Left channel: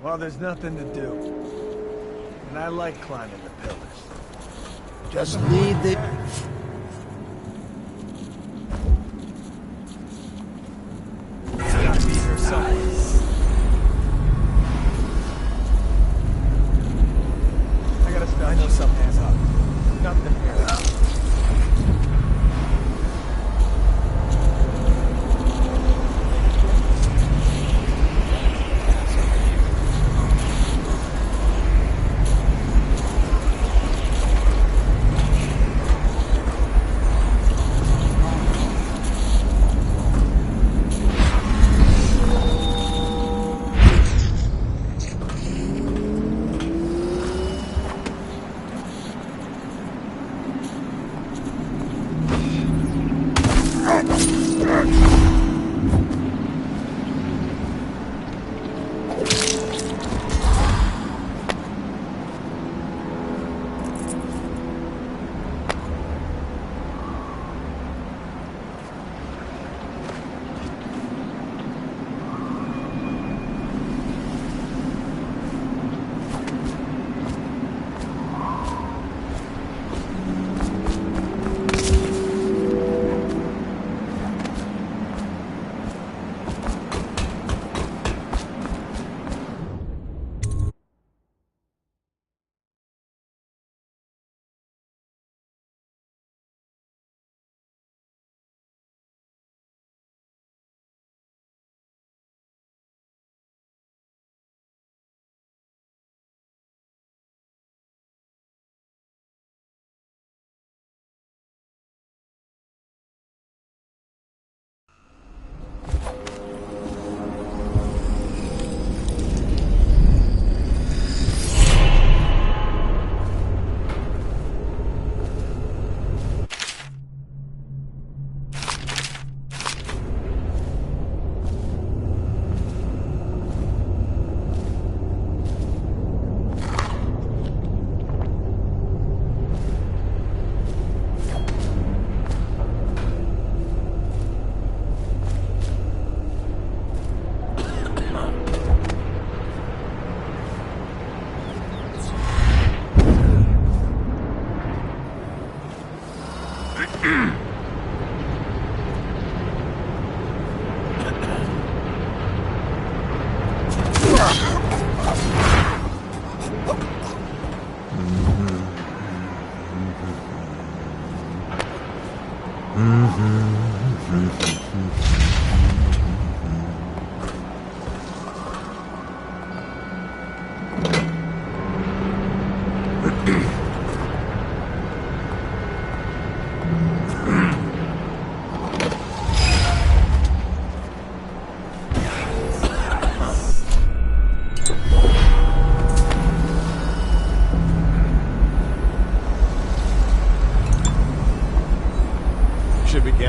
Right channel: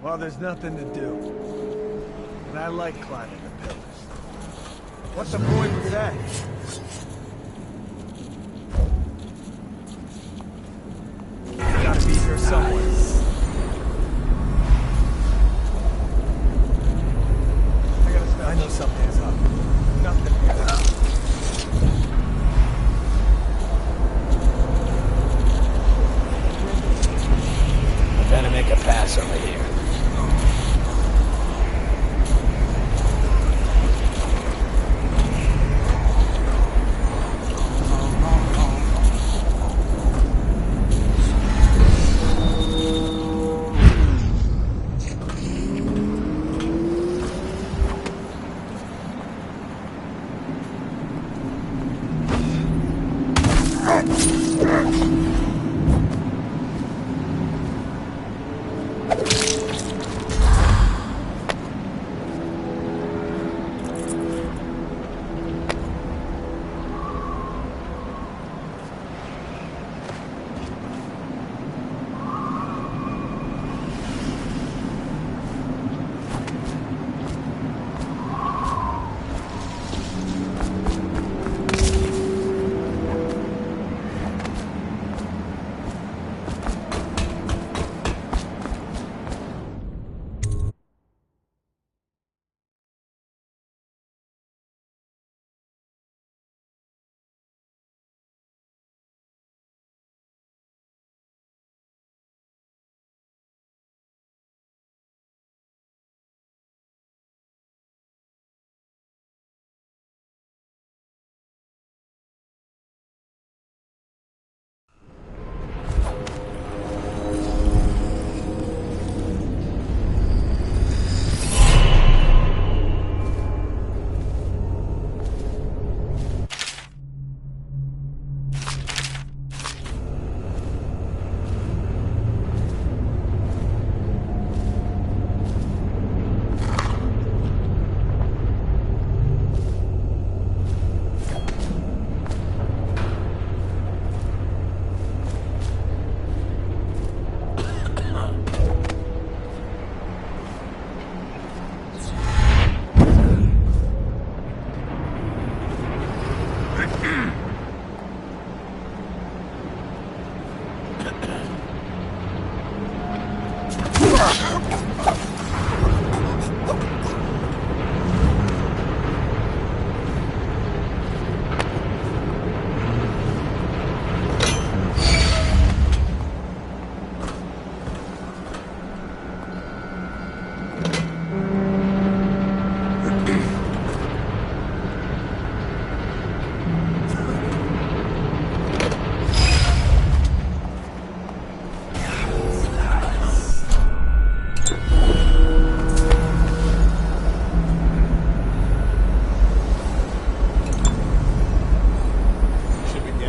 Well, there's nothing to do. And I like climbing the pillars. Just What's the point need of the... that? It's gotta be here somewhere. I gotta stop. I know something's up. Nothing here. Gotta make a pass over here.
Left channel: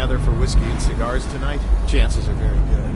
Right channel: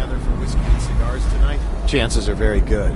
For whiskey and cigars tonight? Chances are very good.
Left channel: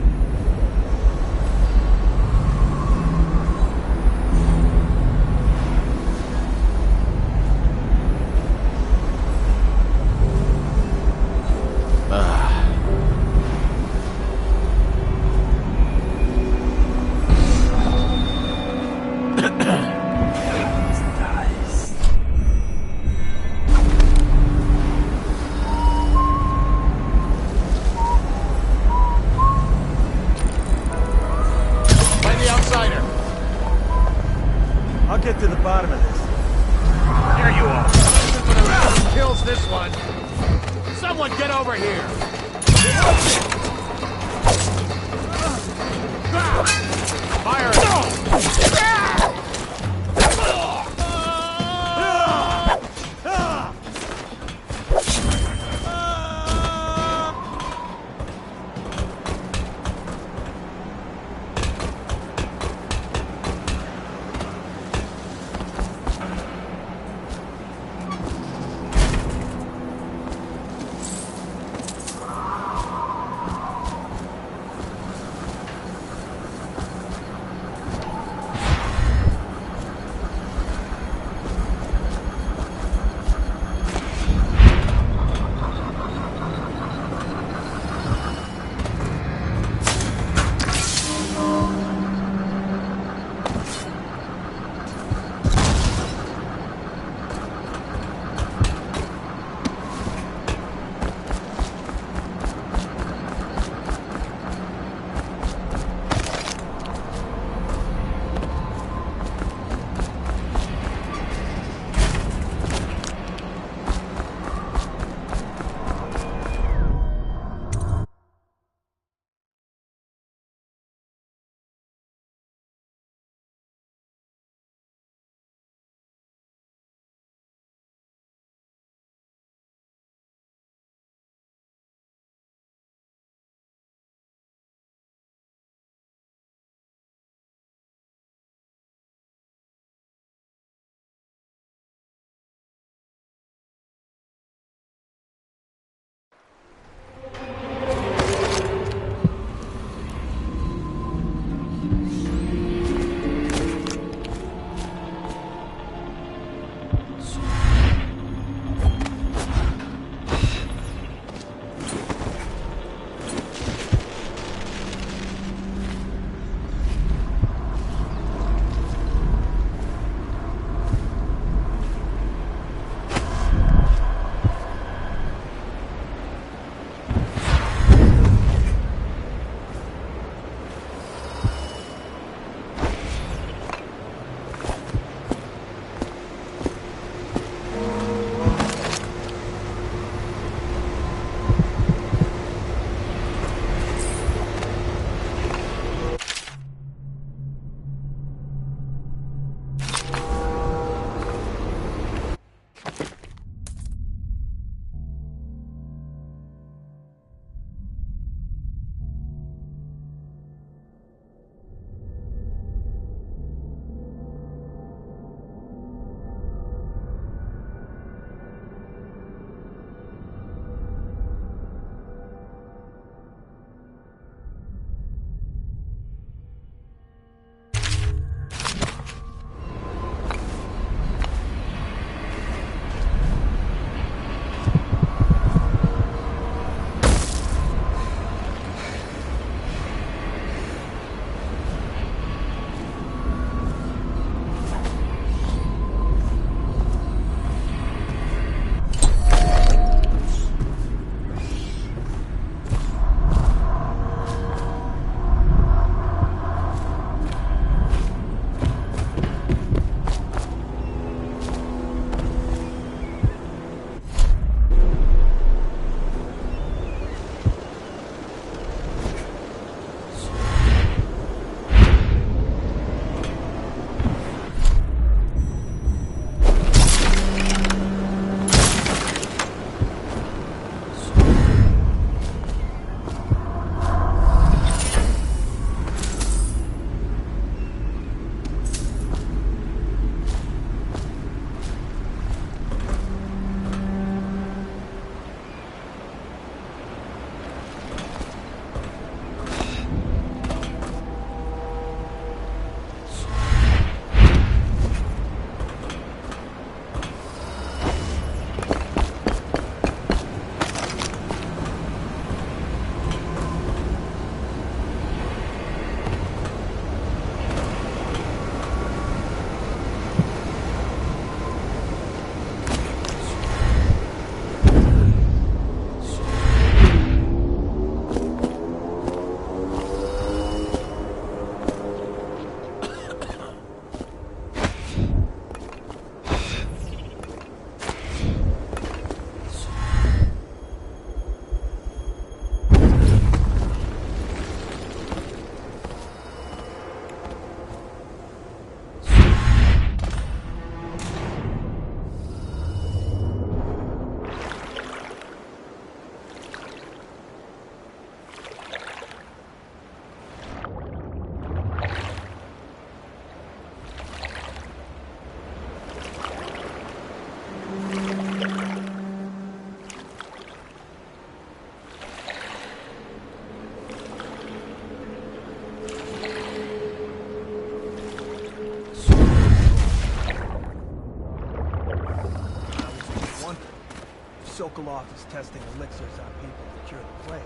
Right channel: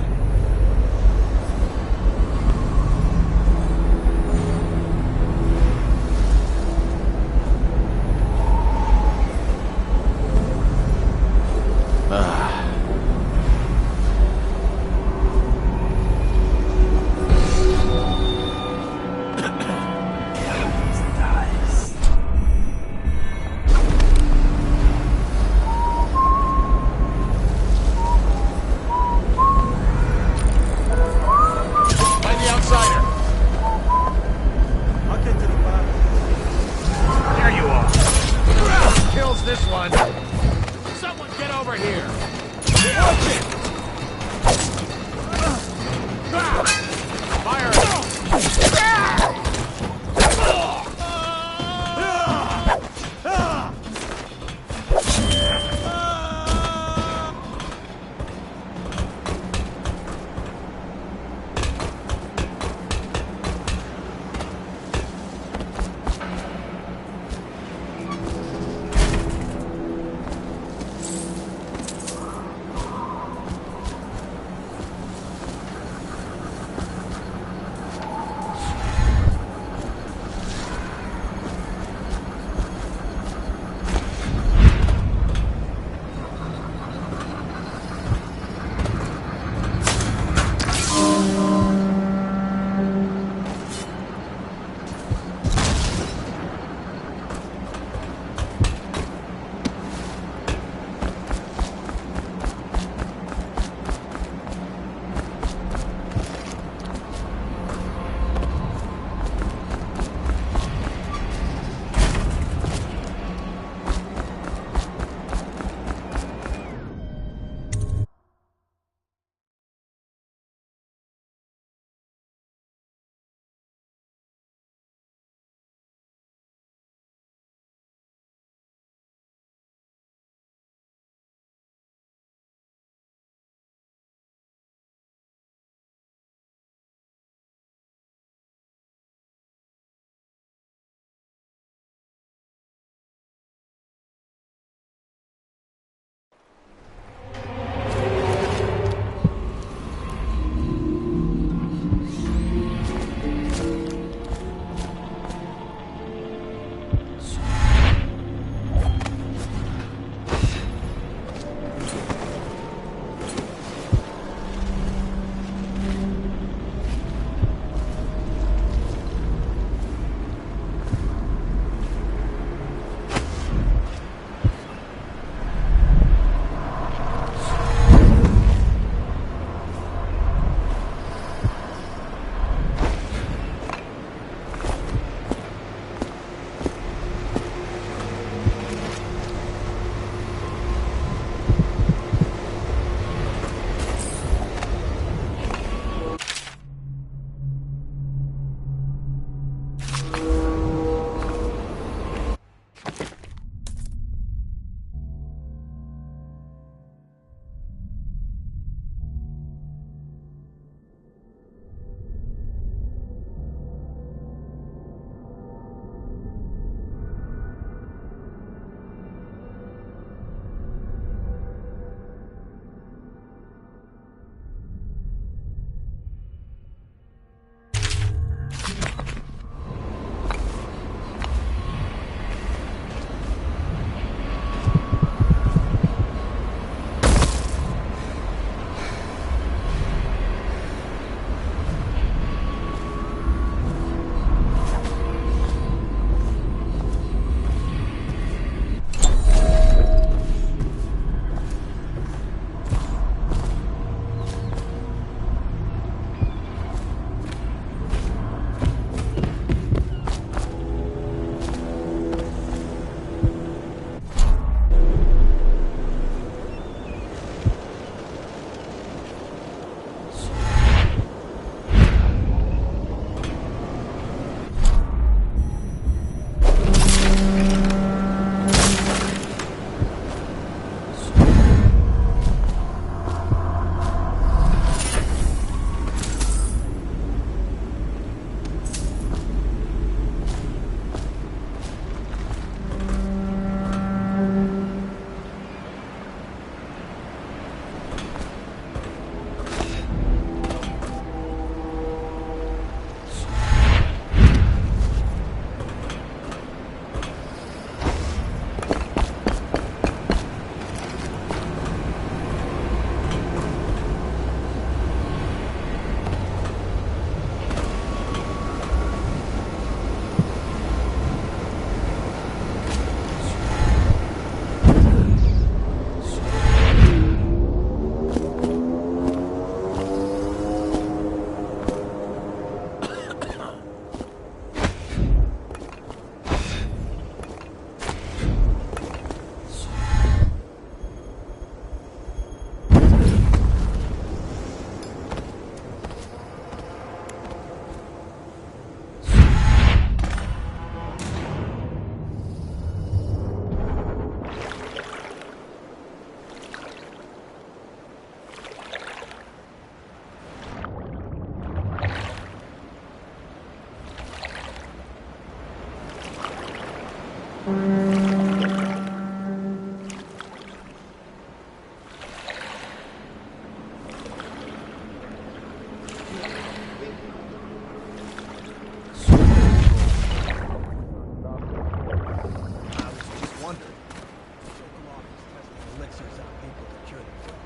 off is testing elixirs on people to cure the plague.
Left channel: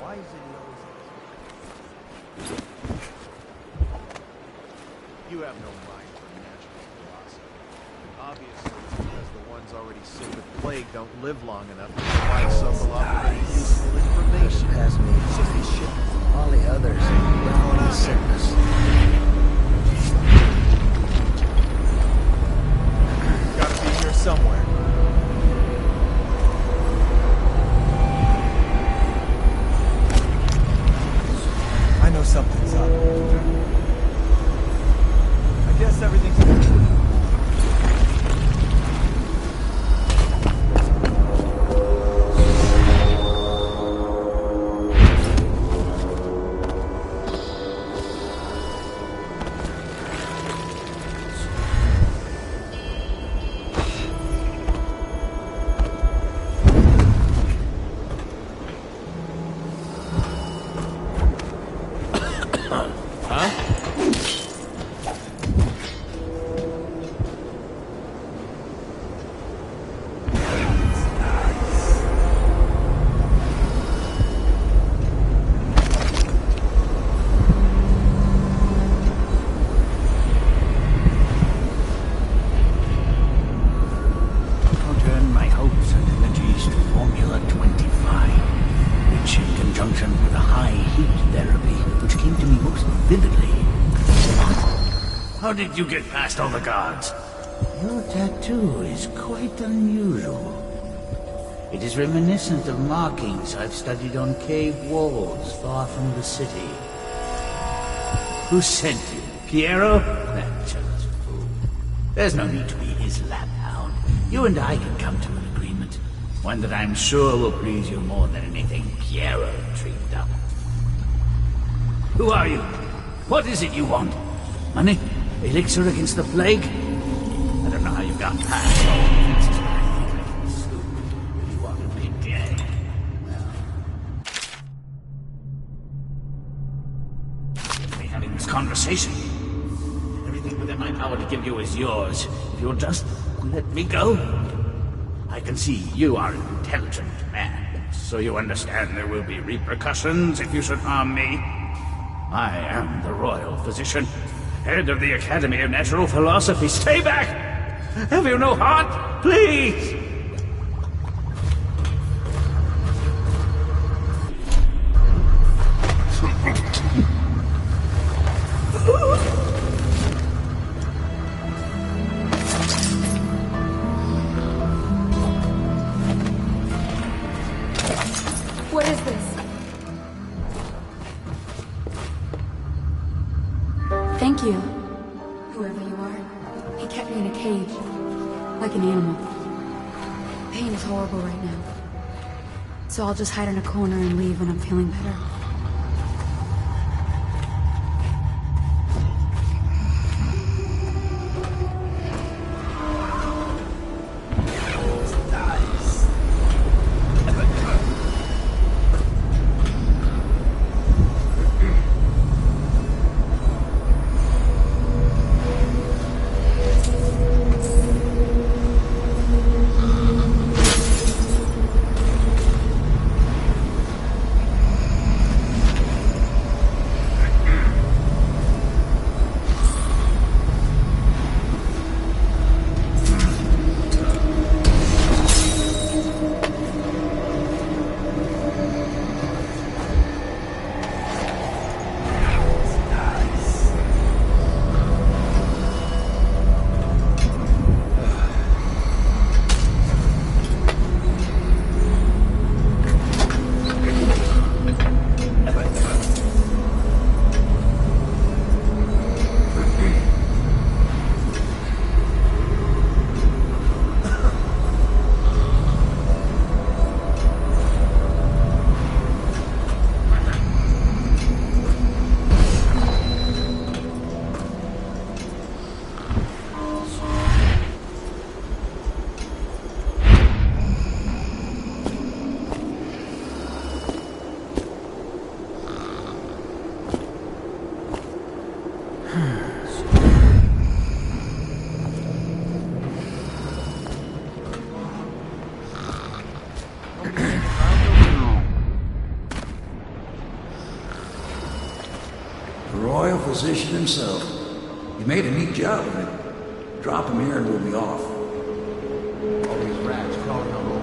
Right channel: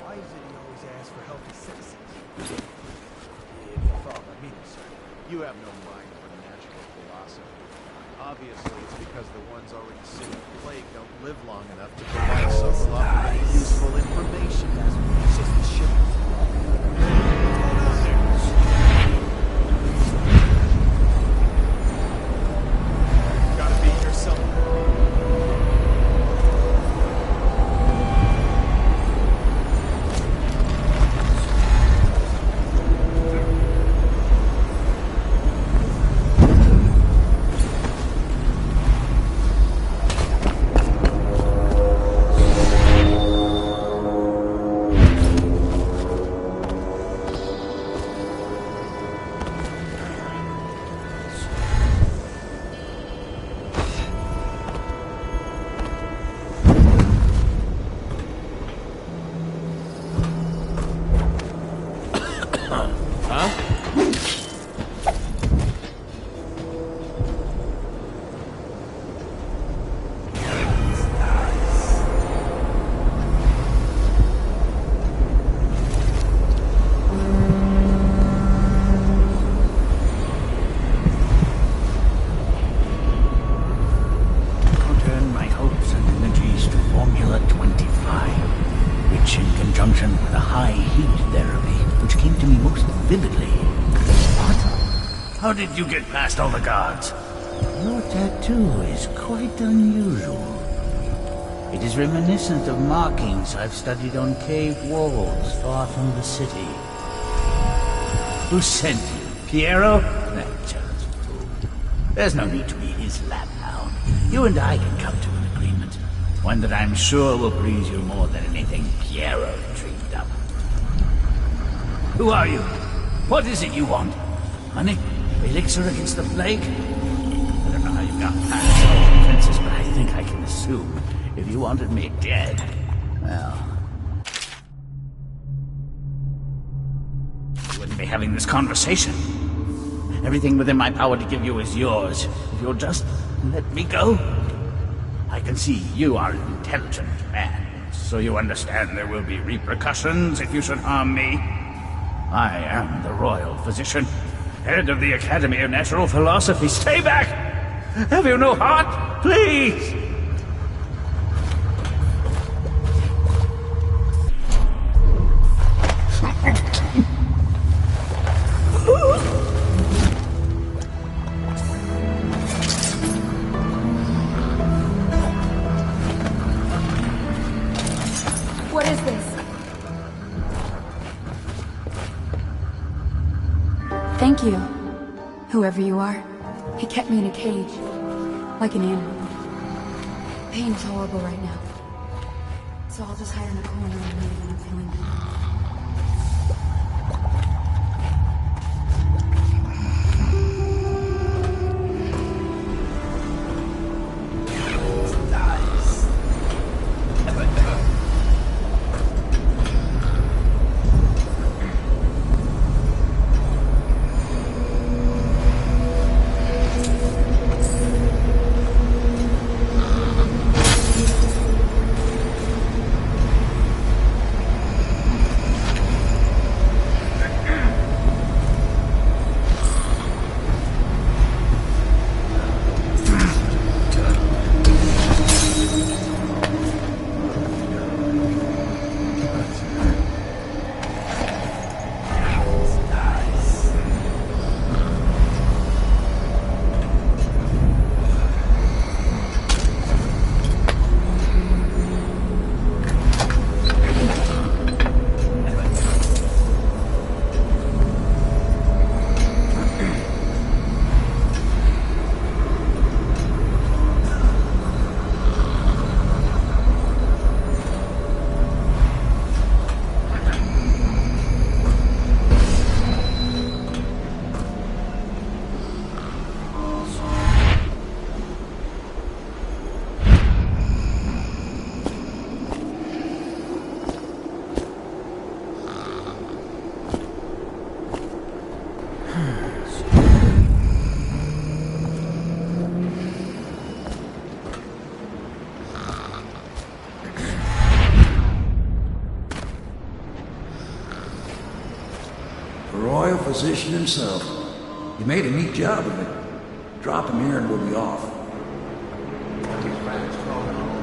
Why is it he always asks for healthy citizens? You have no mind for natural philosophy. Obviously, it's because the ones already sick of plague don't live long enough to provide Sokolov with any useful information. It's just the shit. All the others. What's going on there? Gotta be here somewhere. I know something's up. I guess everything's good. With a high heat therapy, which came to me most vividly. What? How did you get past all the guards? Your tattoo is quite unusual. It is reminiscent of markings I've studied on cave walls far from the city. Who sent you? Piero? That jealous fool. There's no need to be his laphound. You and I can come to an agreement. One that I'm sure will please you more than anything Piero dreamed up. Who are you? What is it you want? Money? Elixir against the plague? I don't know how you got past all defenses, but I think I can assume if you wanted me dead, well, we wouldn't be having this conversation. Everything within my power to give you is yours. If you'll just let me go. I can see you are an intelligent man, so you understand there will be repercussions if you should harm me. I am the royal physician, head of the Academy of Natural Philosophy. Stay back! Have you no heart? Please! What is this? Thank you, whoever you are. He kept me in a cage, like an animal. Pain is horrible right now, so I'll just hide in a corner and leave when I'm feeling better. physician himself. He made a neat job of it. Drop him here and we'll be off. All these rats crawling all over.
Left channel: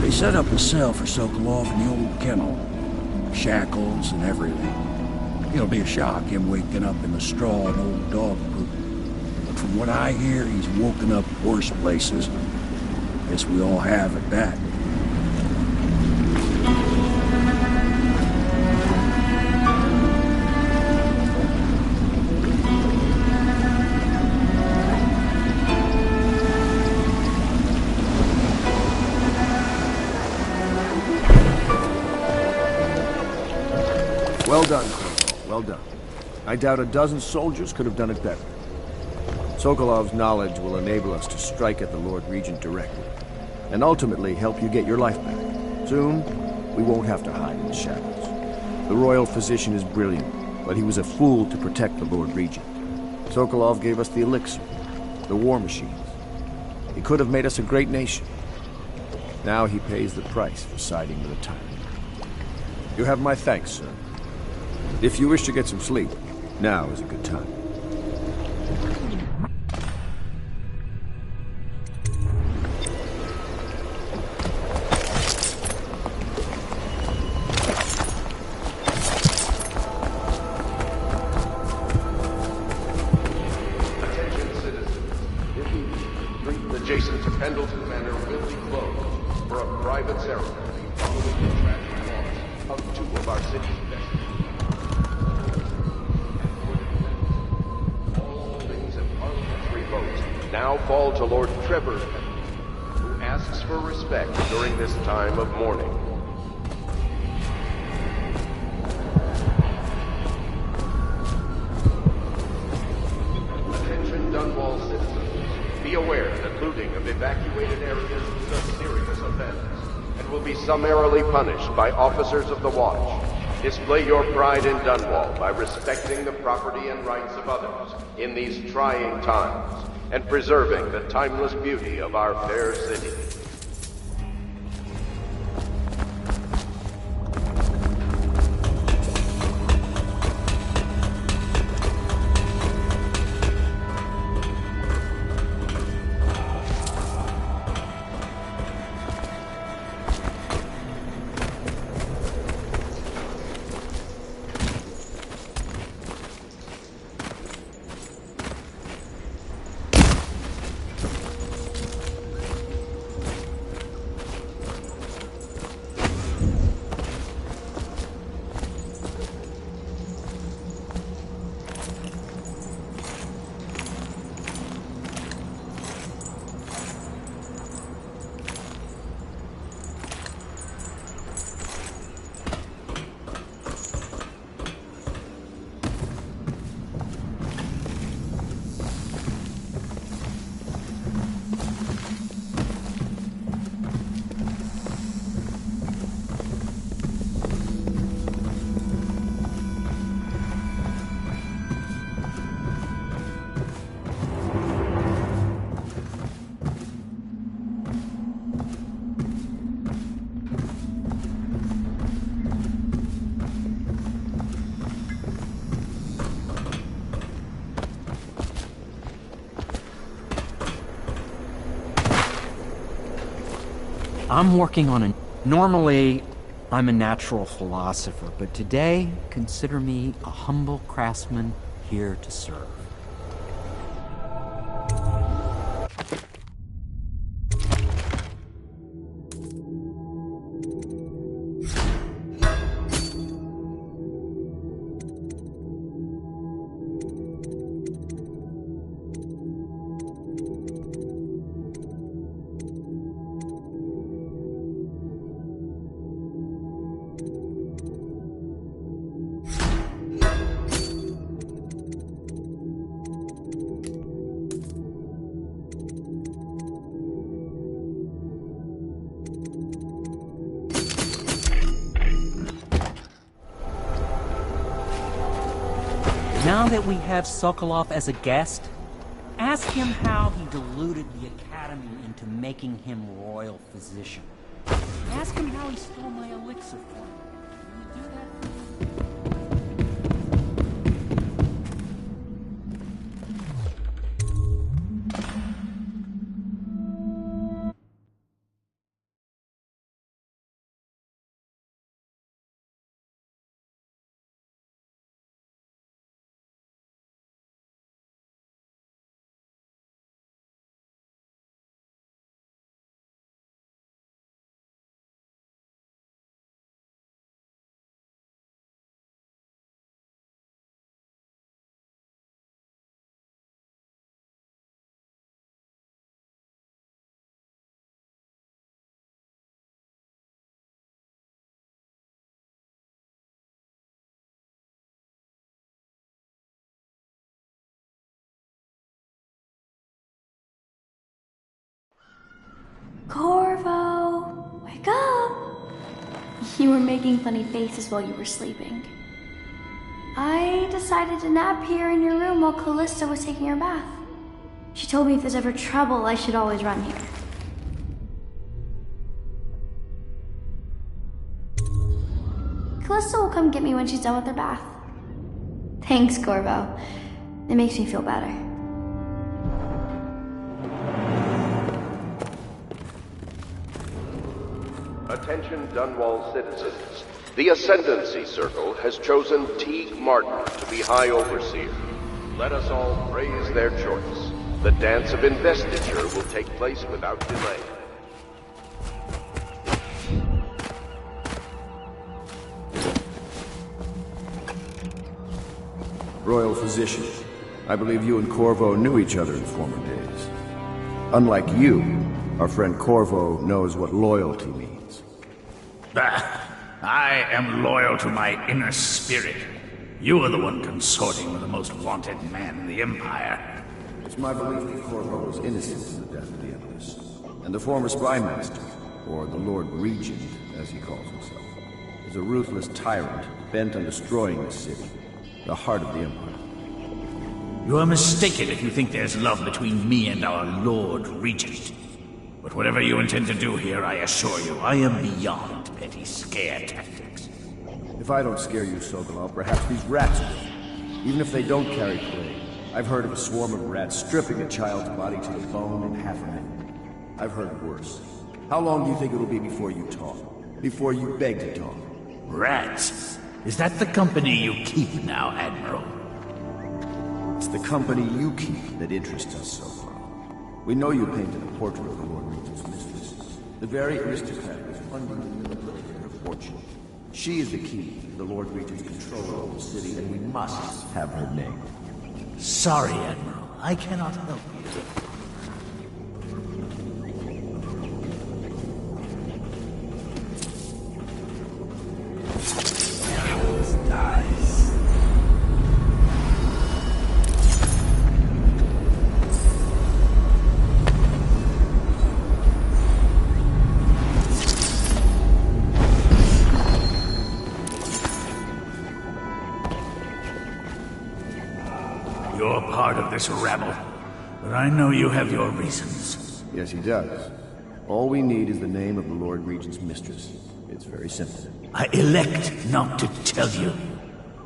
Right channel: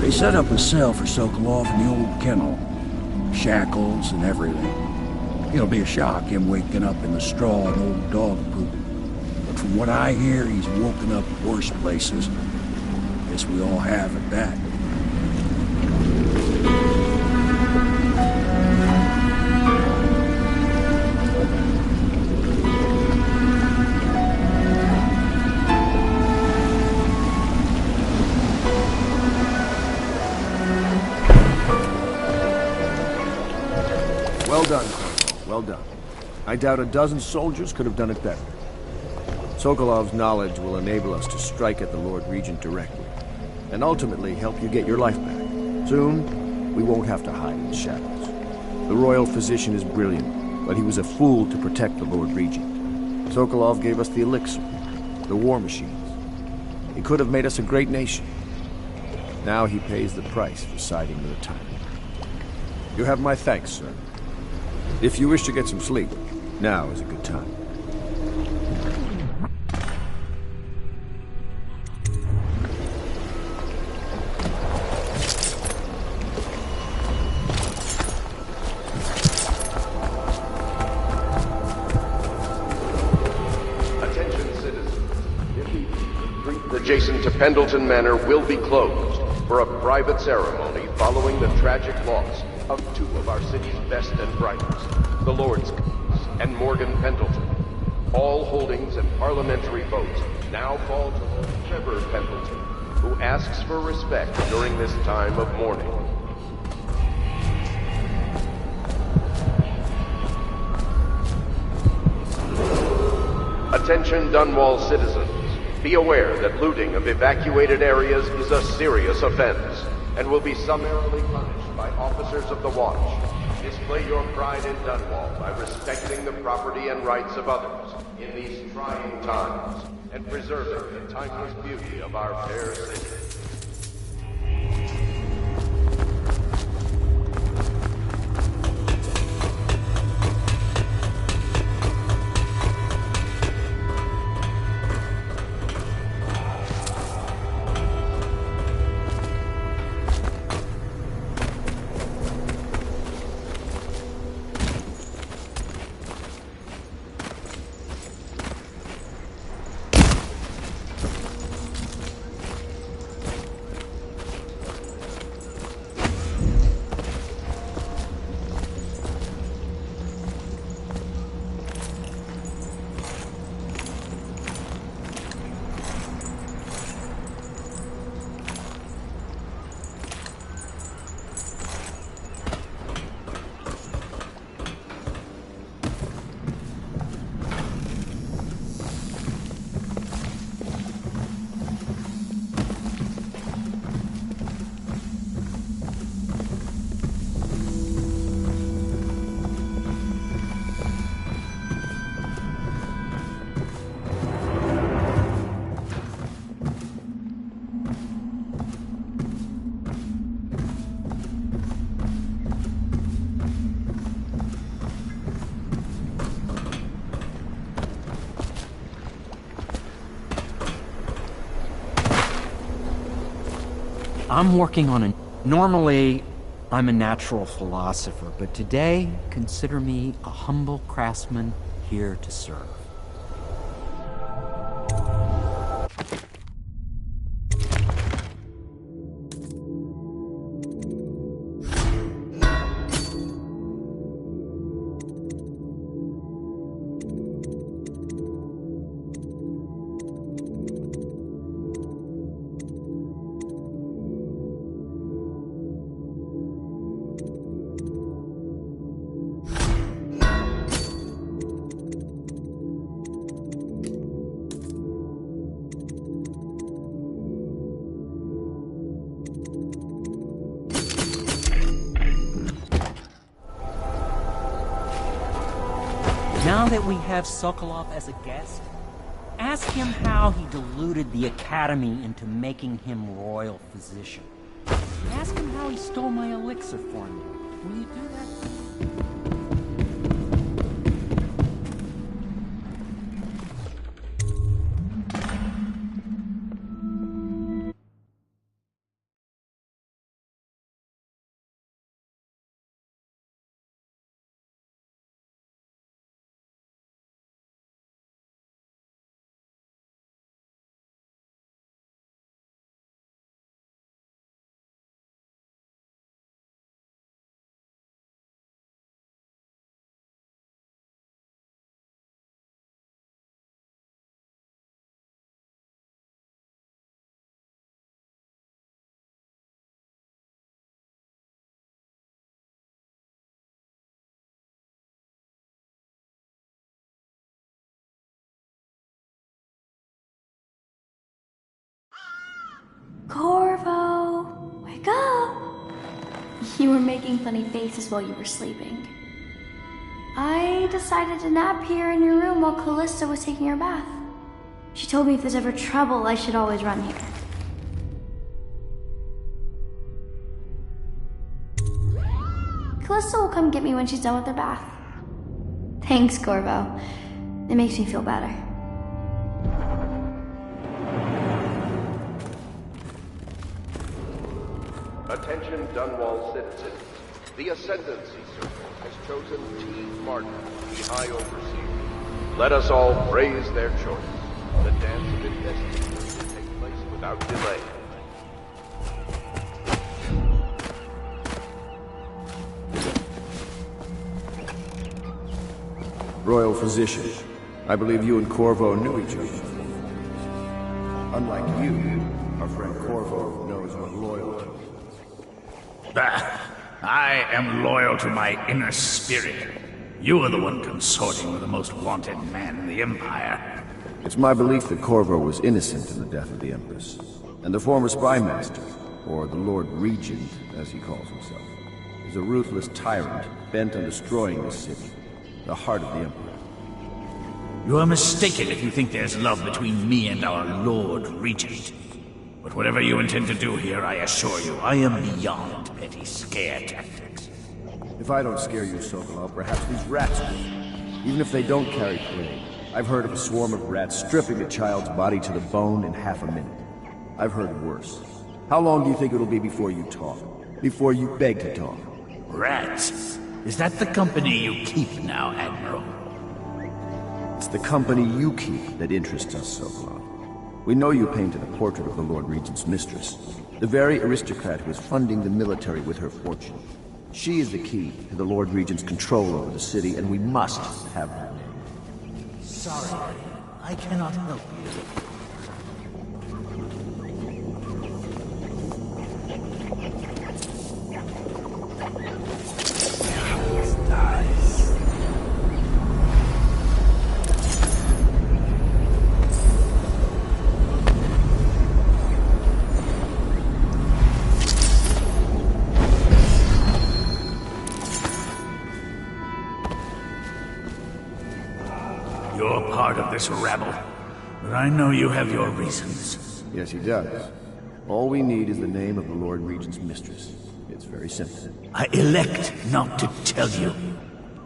They set up a cell for Sokolov in the old kennel. Shackles and everything. It'll be a shock, him waking up in the straw and old dog poop. But from what I hear, he's woken up worse places. Guess we all have at that. Well done, Corporal. Well done. I doubt a dozen soldiers could have done it better. Sokolov's knowledge will enable us to strike at the Lord Regent directly, and ultimately help you get your life back. Soon, we won't have to hide in the shadows. The royal physician is brilliant, but he was a fool to protect the Lord Regent. Sokolov gave us the elixir, the war machines. He could have made us a great nation. Now he pays the price for siding with a tyrant. You have my thanks, sir. If you wish to get some sleep, now is a good time. Attention, citizens. This evening, the street adjacent to Pendleton Manor will be closed for a private ceremony following the tragic loss of two of our city's best and brightest, the Lords and Morgan Pendleton. All holdings and parliamentary votes now fall to Lord Trevor Pendleton, who asks for respect during this time of mourning. Attention Dunwall citizens. Be aware that looting of evacuated areas is a serious offense and will be summarily punished by officers of the watch. Display your pride in Dunwall by respecting the property and rights of others in these trying times and preserving the timeless beauty of our fair city. I'm working on a... Normally, I'm a natural philosopher, but today, consider me a humble craftsman here to serve. Now that we have Sokolov as a guest, ask him how he deluded the Academy into making him royal physician. Ask him how he stole my elixir for me. Will you do that for me? Corvo, wake up! You were making funny faces while you were sleeping. I decided to nap here in your room while Callista was taking her bath. She told me if there's ever trouble, I should always run here. Callista will come get me when she's done with her bath. Thanks, Corvo. It makes me feel better. Attention Dunwall citizens. The Ascendancy Circle has chosen T. Martin to be High Overseer. Let us all praise their choice. The dance of investiture will take place without delay. Royal Physician, I believe you and Corvo knew each other in former days. Unlike you, our friend Corvo knows what loyalty means. I am loyal to my inner spirit. You are the one consorting with the most wanted man in the Empire. It's my belief that Corvo was innocent in the death of the Empress, and the former spy master, or the Lord Regent, as he calls himself, is a ruthless tyrant bent on destroying this city, the heart of the Empire. You are mistaken if you think there's love between me and our Lord Regent. But whatever you intend to do here, I assure you, I am beyond petty scare tactics. If I don't scare you, Sokolov, perhaps these rats will. Even if they don't carry plague. I've heard of a swarm of rats stripping a child's body to the bone in half a minute. I've heard worse. How long do you think it'll be before you talk? Before you beg to talk? Rats? Is that the company you keep now, Admiral? It's the company you keep that interests us, Sokolov. We know you painted a portrait of the Lord Regent's mistress, the very aristocrat who is funding the military with her fortune. She is the key to the Lord Regent's control over the city, and we must have her name. Sorry, Admiral. I cannot help you. You're part of this rabble, but I know you have your reasons. Yes, he does. All we need is the name of the Lord Regent's mistress. It's very simple. I elect not to tell you.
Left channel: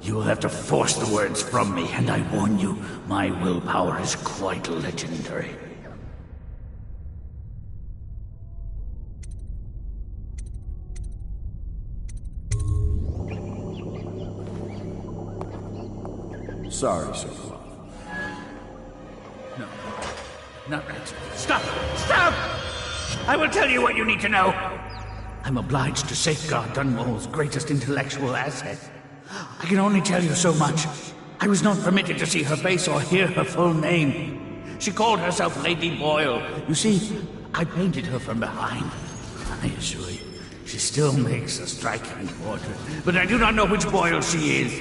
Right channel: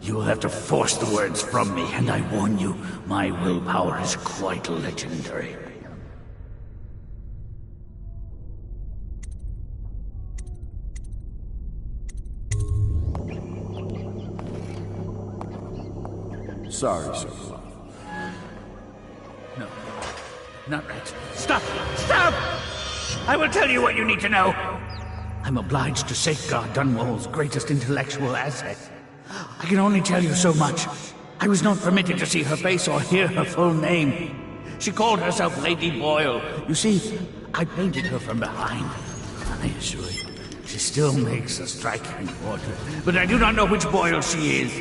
You will have to force the words from me, and I warn you, my willpower is quite legendary. Sorry, Sokolov. No, not right. Stop! Stop! I will tell you what you need to know. I'm obliged to safeguard Dunwall's greatest intellectual asset. I can only tell you so much. I was not permitted to see her face or hear her full name. She called herself Lady Boyle. You see, I painted her from behind. I assure you, she still makes a striking portrait, but I do not know which Boyle she is.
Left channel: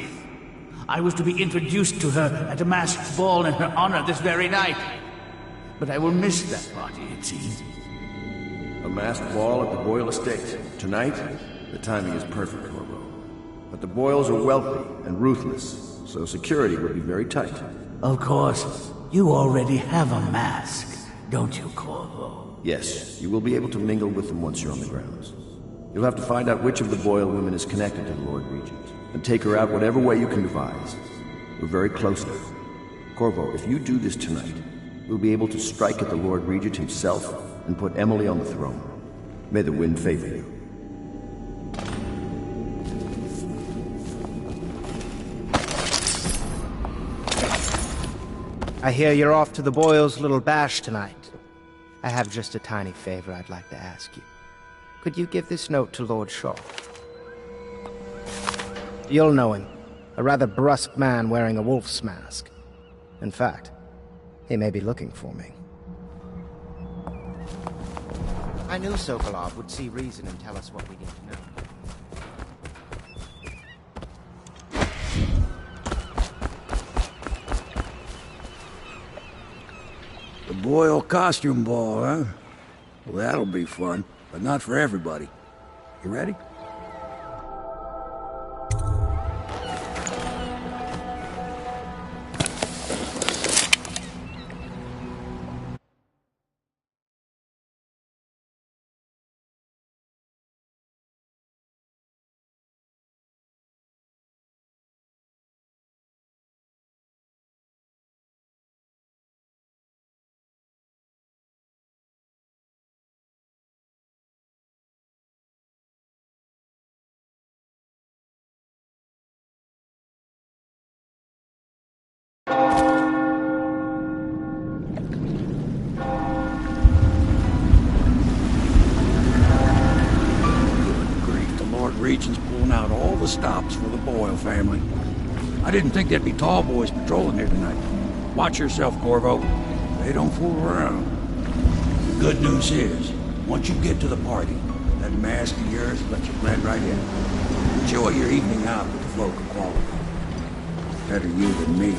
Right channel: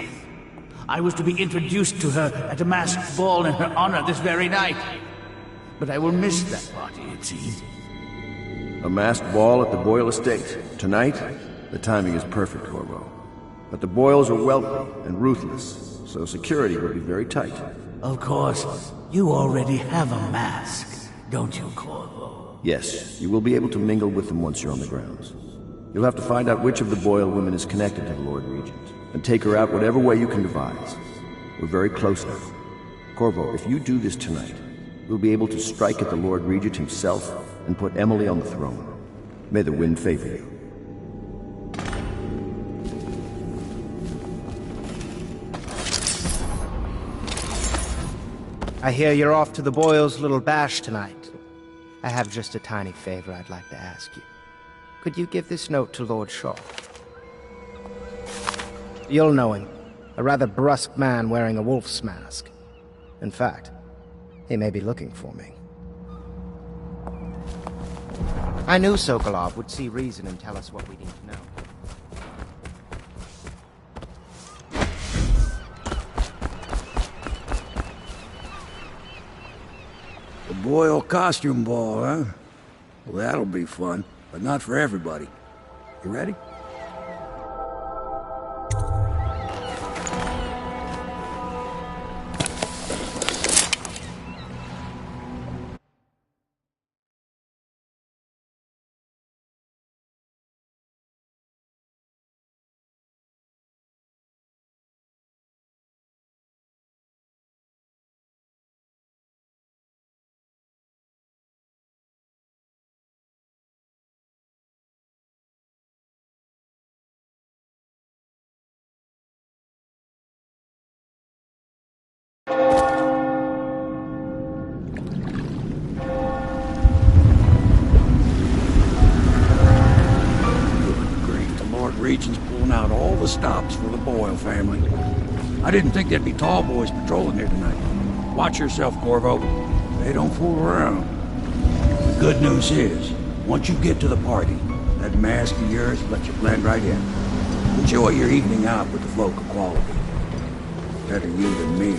I was to be introduced to her at a masked ball in her honor this very night. But I will miss that party, it seems. A masked ball at the Boyle estate. Tonight, the timing is perfect, Corvo. But the Boyles are wealthy and ruthless, so security will be very tight. Of course, you already have a mask, don't you, Corvo? Yes, you will be able to mingle with them once you're on the grounds. You'll have to find out which of the Boyle women is connected to the Lord Regent, and take her out whatever way you can devise. We're very close now. Corvo, if you do this tonight, we'll be able to strike at the Lord Regent himself and put Emily on the throne. May the wind favor you. I hear you're off to the Boyles' little bash tonight. I have just a tiny favor I'd like to ask you. Could you give this note to Lord Shaw? You'll know him. A rather brusque man wearing a wolf's mask. In fact, he may be looking for me. I knew Sokolov would see reason and tell us what we need to know. The Boyle costume ball, huh? Well, that'll be fun, but not for everybody. You ready? Regent's pulling out all the stops for the Boyle family. I didn't think there'd be tall boys patrolling here tonight. Watch yourself, Corvo. They don't fool around. The good news is, once you get to the party, that mask of yours will let you blend right in. Enjoy your evening out with the folk of quality. Better you than me.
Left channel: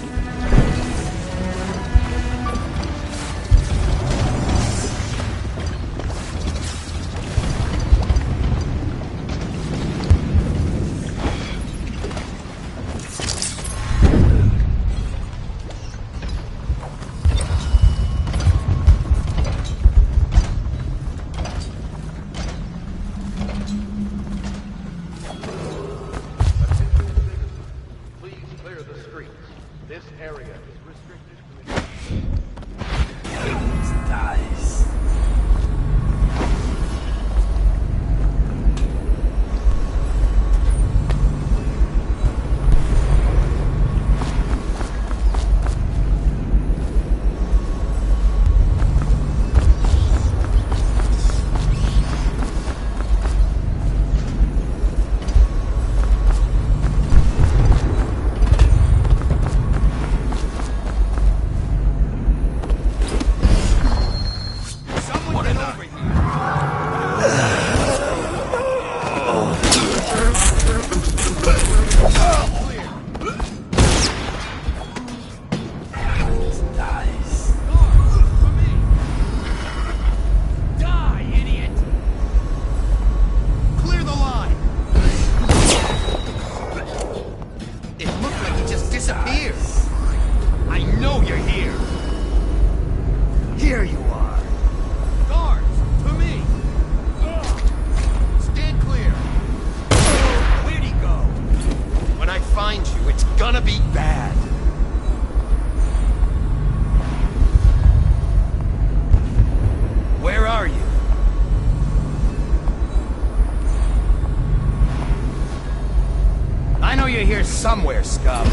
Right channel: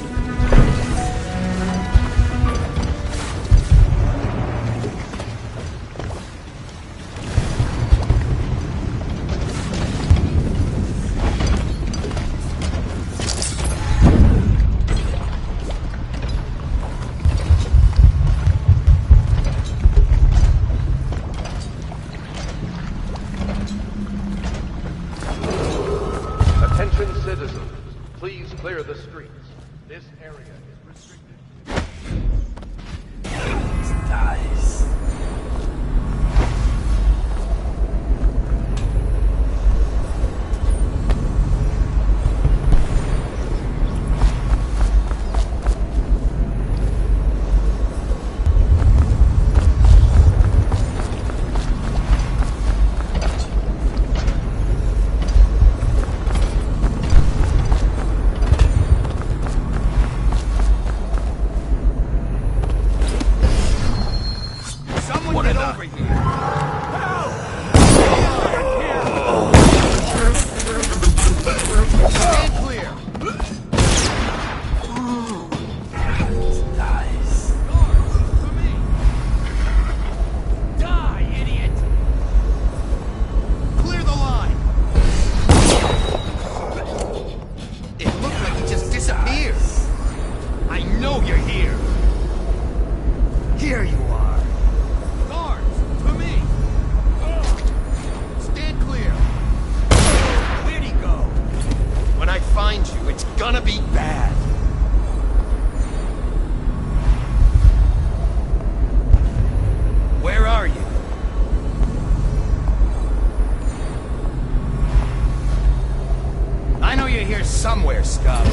Somewhere, scum.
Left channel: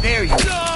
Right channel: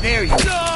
There you go.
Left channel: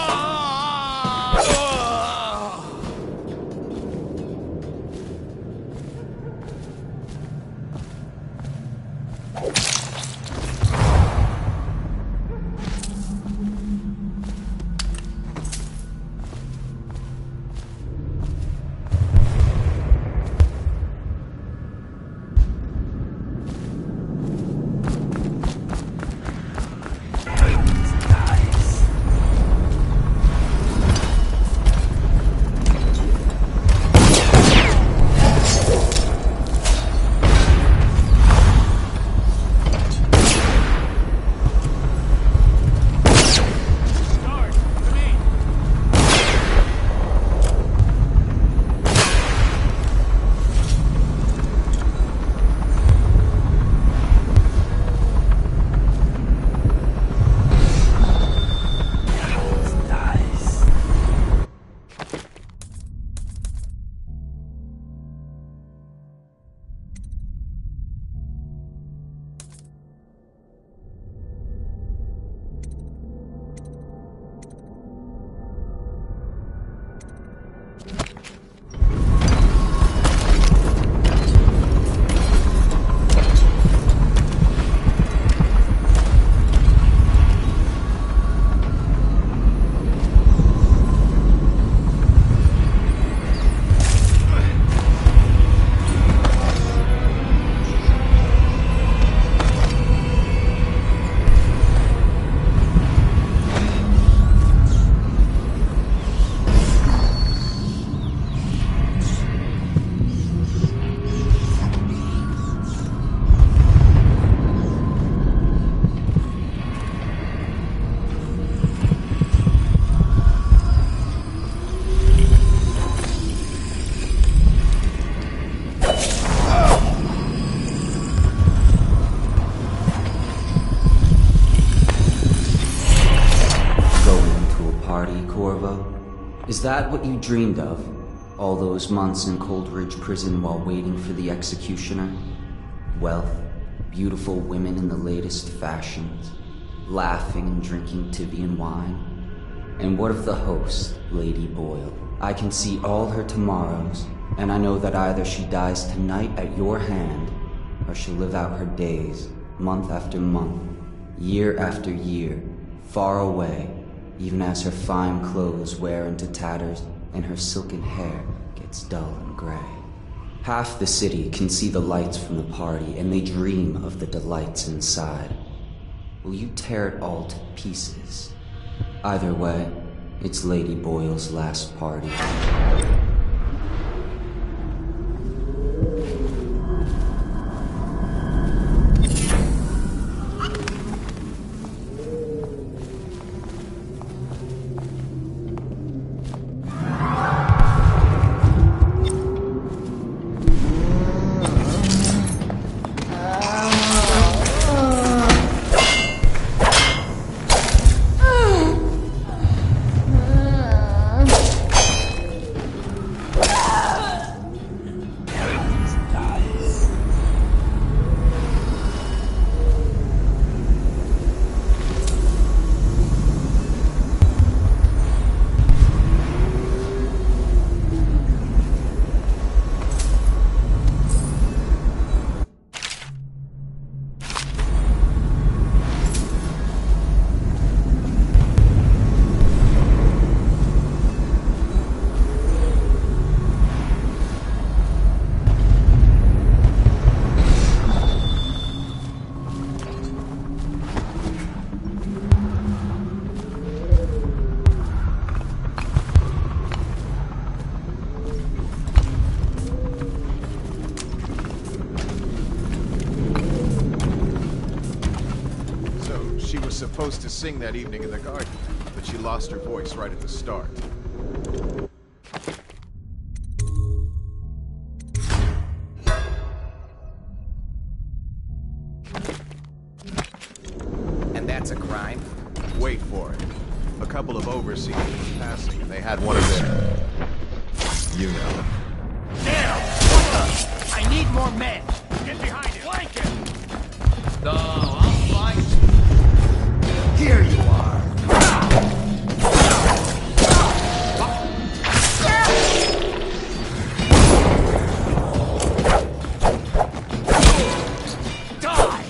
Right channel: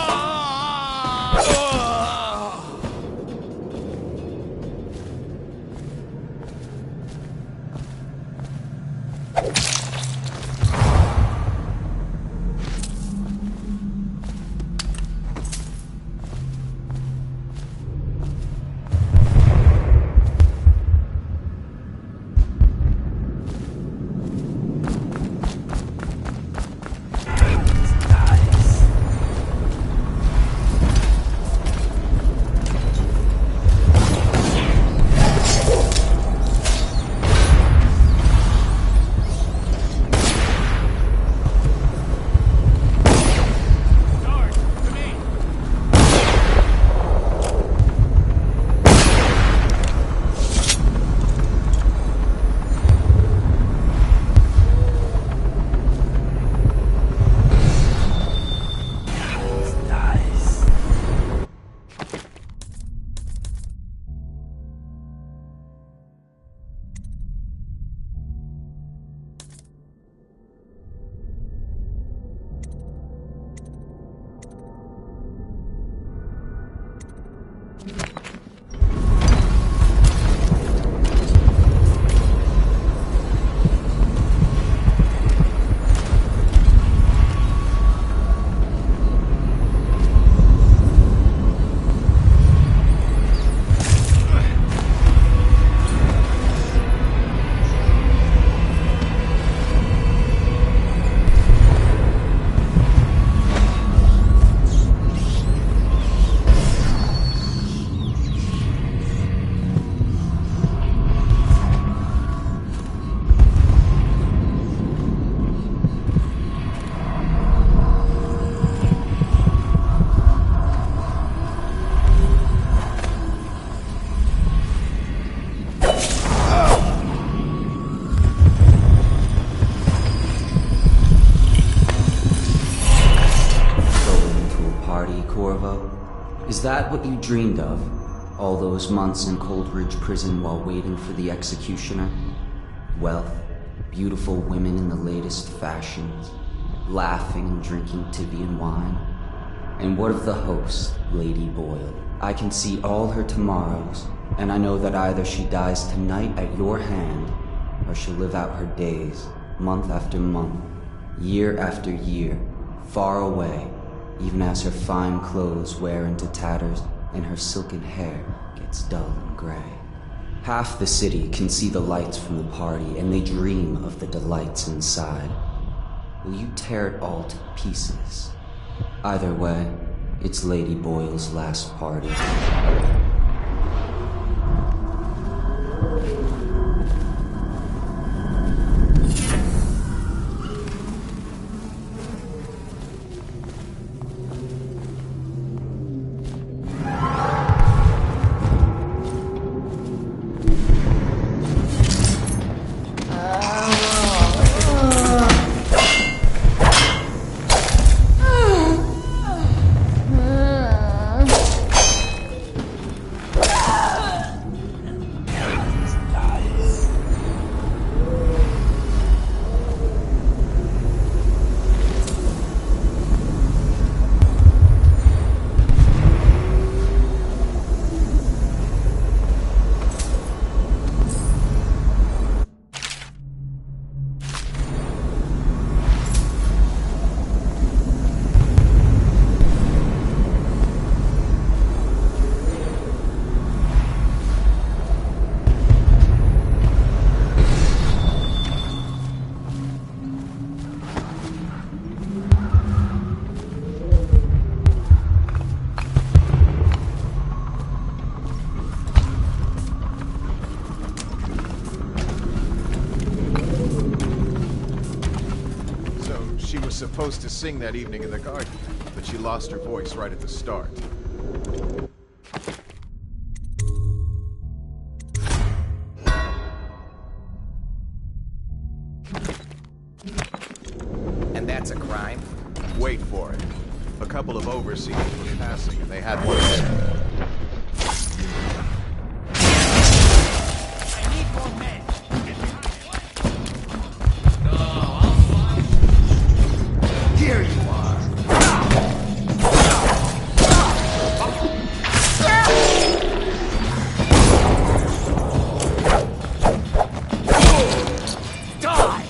Corvo? Is that what you dreamed of? All those months in Coldridge Prison while waiting for the executioner? Wealth, beautiful women in the latest fashions, laughing and drinking Tivian wine? And what of the host, Lady Boyle? I can see all her tomorrows, and I know that either she dies tonight at your hand, or she'll live out her days, month after month, year after year, far away, even as her fine clothes wear into tatters and her silken hair gets dull and gray. Half the city can see the lights from the party, and they dream of the delights inside. Will you tear it all to pieces? Either way, it's Lady Boyle's last party. Supposed to sing that evening in the garden, but she lost her voice right at the start. And that's a crime? Wait for it. A couple of overseers were passing, and they had one of their... you know. I need more men. Get behind it. Flank him. No, I'll find you. Here you are. Die!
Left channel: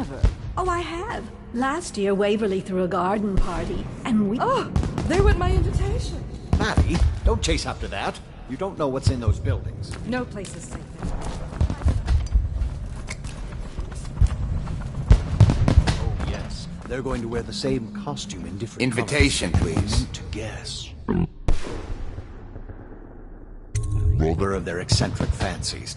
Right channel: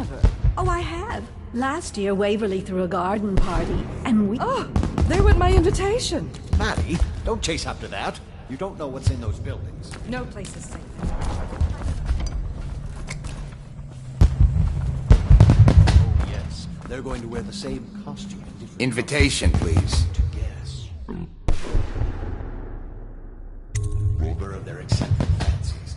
never. Oh, I have. Last year, Waverly threw a garden party, and we... Oh, there went my invitation. Maddie, don't chase after that. You don't know what's in those buildings. No place is safe. Oh, yes. They're going to wear the same costume in different Invitation, colors. please. To guess. Ruler of their eccentric fancies.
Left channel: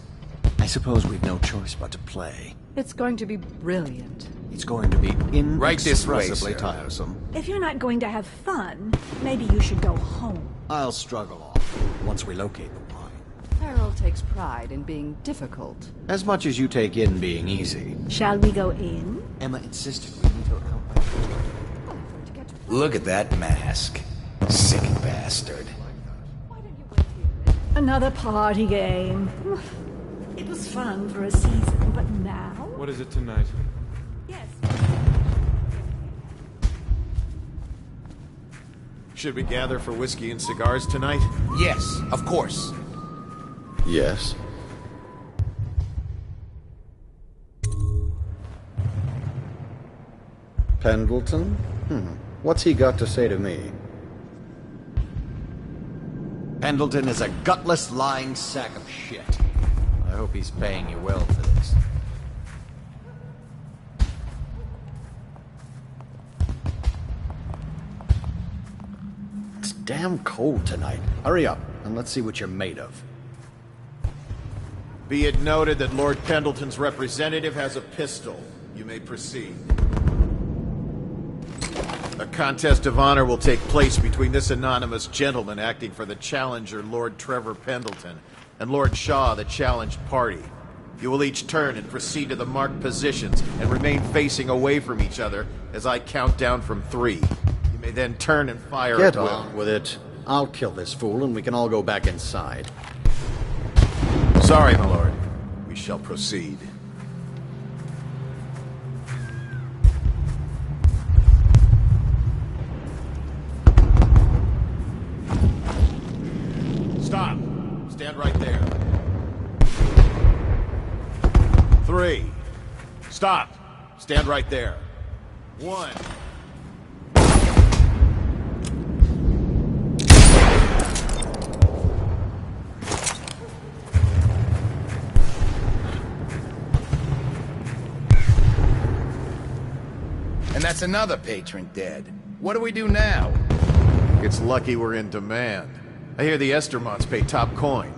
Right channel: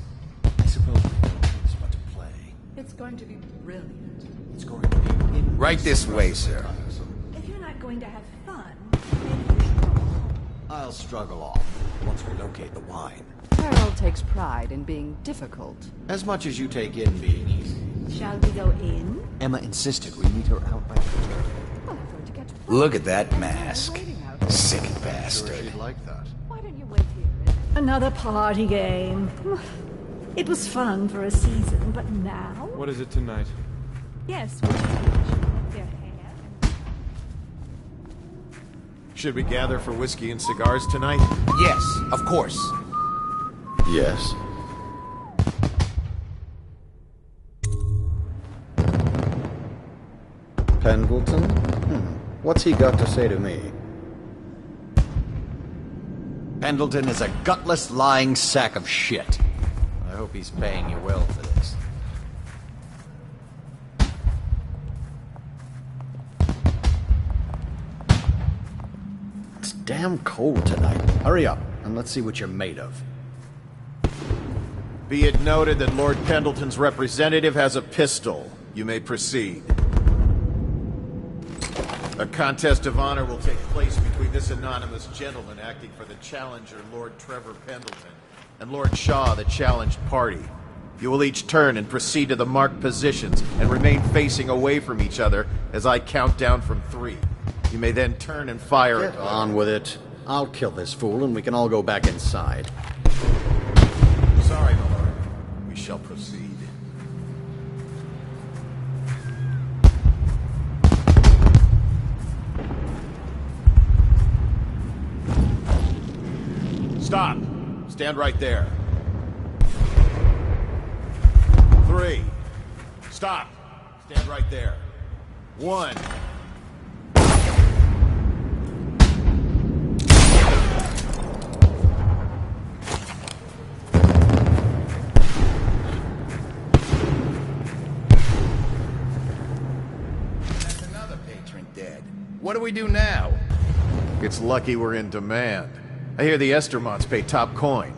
I suppose we've no choice but to play. It's going to be brilliant. It's going to be Right this way, inexpressibly sir. tiresome. If you're not going to have fun, maybe you should go home. I'll struggle off once we locate the wine. Harold takes pride in being difficult. As much as you take in being easy. Shall we go in? Emma insisted we meet her out by the door. Well, I'm going to get to Look at that mask. Sick bastard. Like that. Why don't you wait here? Another party game. It was fun for a season, but now? What is it tonight? Yes. Should we gather for whiskey and cigars tonight? Yes, of course. Yes. Pendleton? What's he got to say to me? Pendleton is a gutless, lying sack of shit. I hope he's paying you well for this. It's damn cold tonight. Hurry up, and let's see what you're made of. Be it noted that Lord Pendleton's representative has a pistol. You may proceed. A contest of honor will take place between this anonymous gentleman acting for the challenger, Lord Trevor Pendleton, and Lord Shaw, the challenged party. You will each turn and proceed to the marked positions and remain facing away from each other as I count down from 3. You may then turn and fire Get at will. on with it. I'll kill this fool and we can all go back inside. Sorry, my lord. We shall proceed. Stop. Stand right there. 3. Stop. Stand right there. 1. And that's another patron dead. What do we do now? It's lucky we're in demand. I hear the Estermonts pay top coin.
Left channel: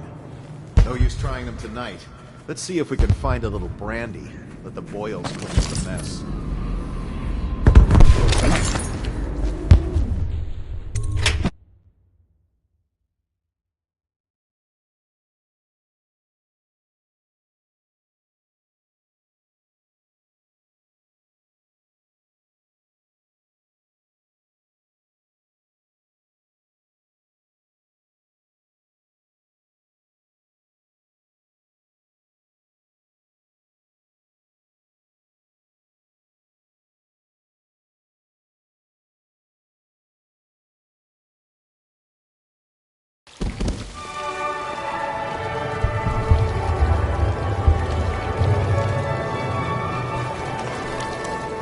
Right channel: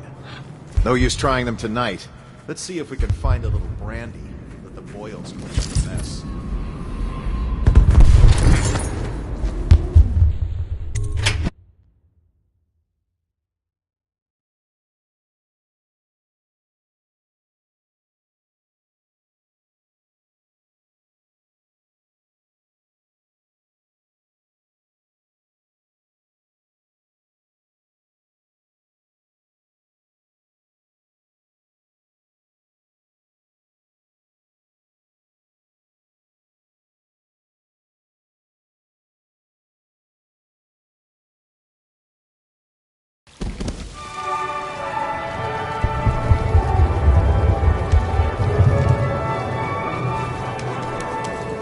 No use trying them tonight. Let's see if we can find a little brandy. Let the boils cleanse the mess.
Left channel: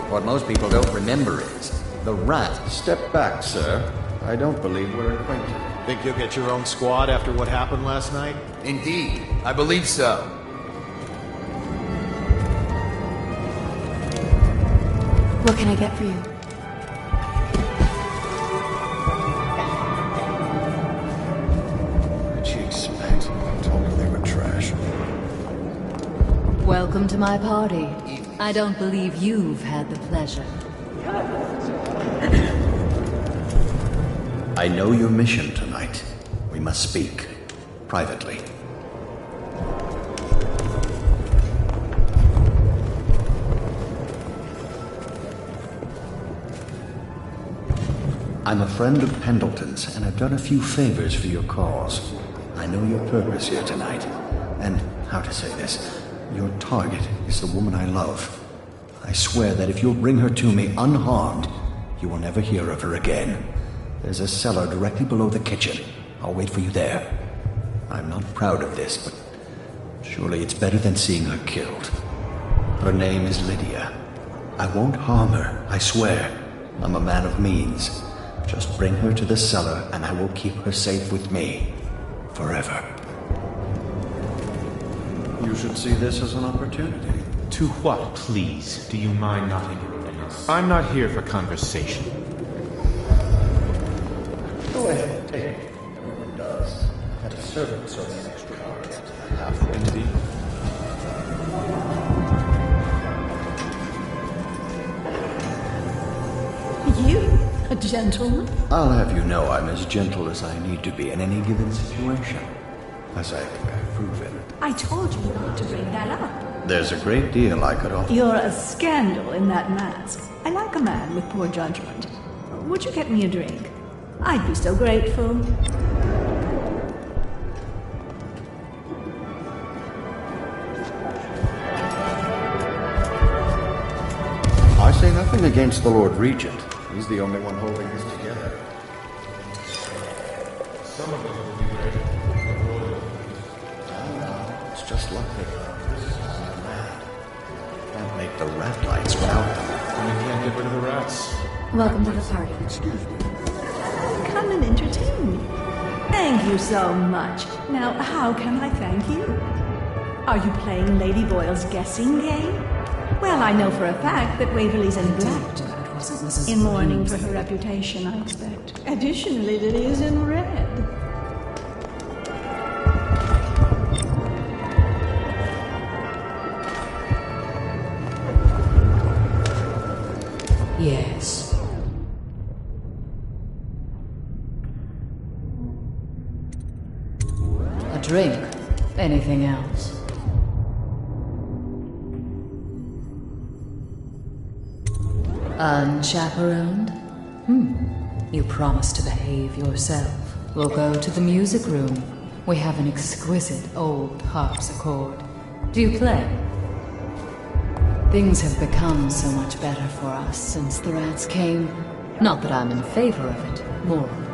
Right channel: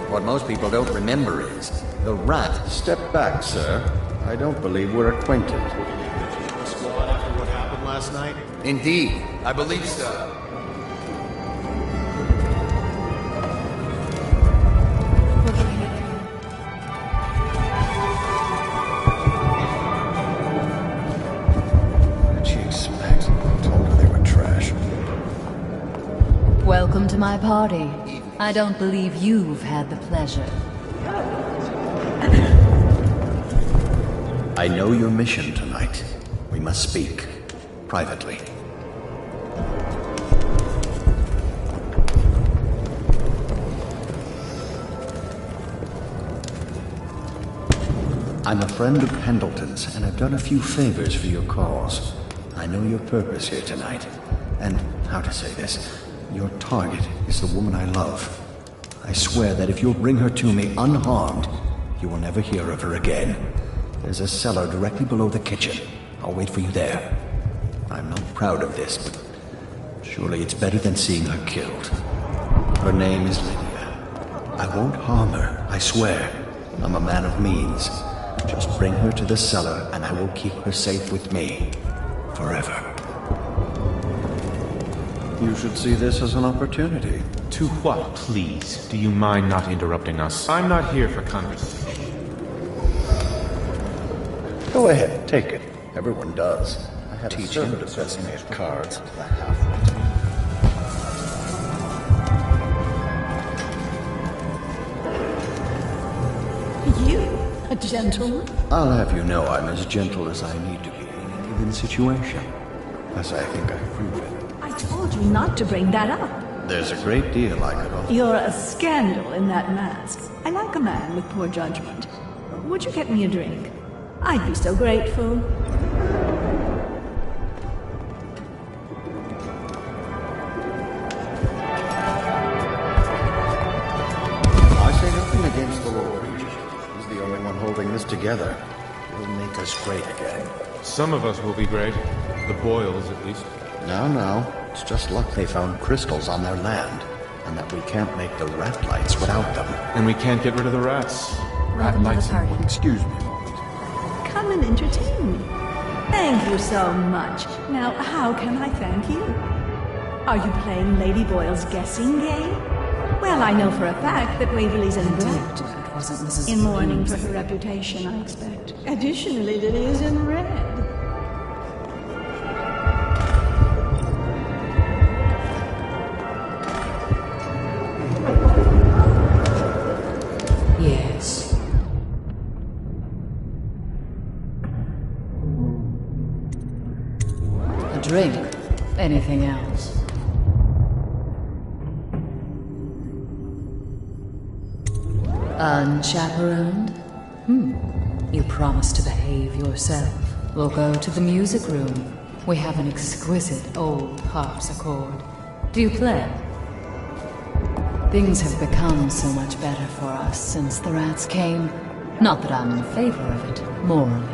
What most people don't remember is the rat. Step back, sir. I don't believe we're acquainted. Think you'll get your own squad after what happened last night? Indeed, I believe so. What can I get for you? What did she expect? I told her they were trash. Welcome to my party. I don't believe you've had the pleasure. I know your mission tonight. We must speak. Privately. I'm a friend of Pendleton's, and I've done a few favors for your cause. I know your purpose here tonight. And, how to say this, your target is the woman I love. I swear that if you'll bring her to me unharmed, you will never hear of her again. There's a cellar directly below the kitchen. I'll wait for you there. I'm not proud of this, but surely it's better than seeing her killed. Her name is Lydia. I won't harm her, I swear. I'm a man of means. Just bring her to the cellar and I will keep her safe with me. Forever. You should see this as an opportunity. To what, please? Do you mind not interrupting us? I'm not here for conversation. Go ahead, take it. Everyone does. I had a servant send me a card to the halfway tea. You? A gentleman? I'll have you know I'm as gentle as I need to be in any given situation. As I think I've proven. I told you not to bring that up. There's a great deal I could offer. You're a scandal in that mask. I like a man with poor judgment. Would you get me a drink? I'd be so grateful. I say nothing against the Lord Regent. He's the only one holding this together. He'll make us great again. Some of us will be great. The Boyles, at least. No. It's just luck they found crystals on their land. And that we can't make the rat lights without them. And we can't get rid of the rats. Welcome to the party. Excuse me. Come and entertain me. Thank you so much. Now, how can I thank you? Are you playing Lady Boyle's guessing game? Well, I know for a fact that Waverly's in black. It wasn't Mrs. In mourning for Bloom's. her reputation, I expect. Additionally, Lily is in red. Yes. A drink? Anything else? Unchaperoned? You promised to behave yourself. We'll go to the music room. We have an exquisite old harpsichord. Do you play? Things have become so much better for us since the rats came. Not that I'm in favor of it, morally.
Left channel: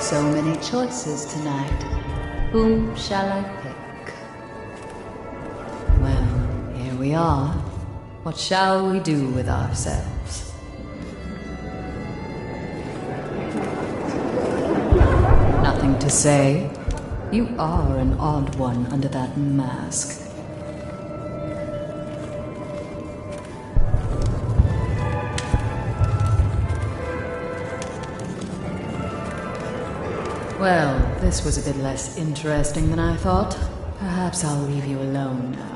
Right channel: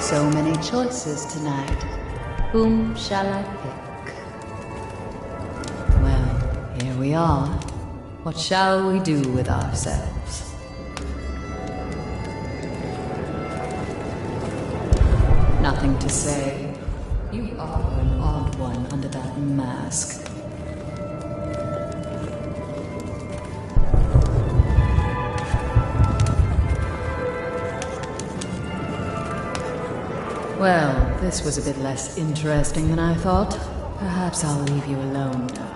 So many choices tonight. Whom shall I pick? Well, here we are. What shall we do with ourselves? Nothing to say. You are an odd one under that mask. Well, this was a bit less interesting than I thought. Perhaps I'll leave you alone now.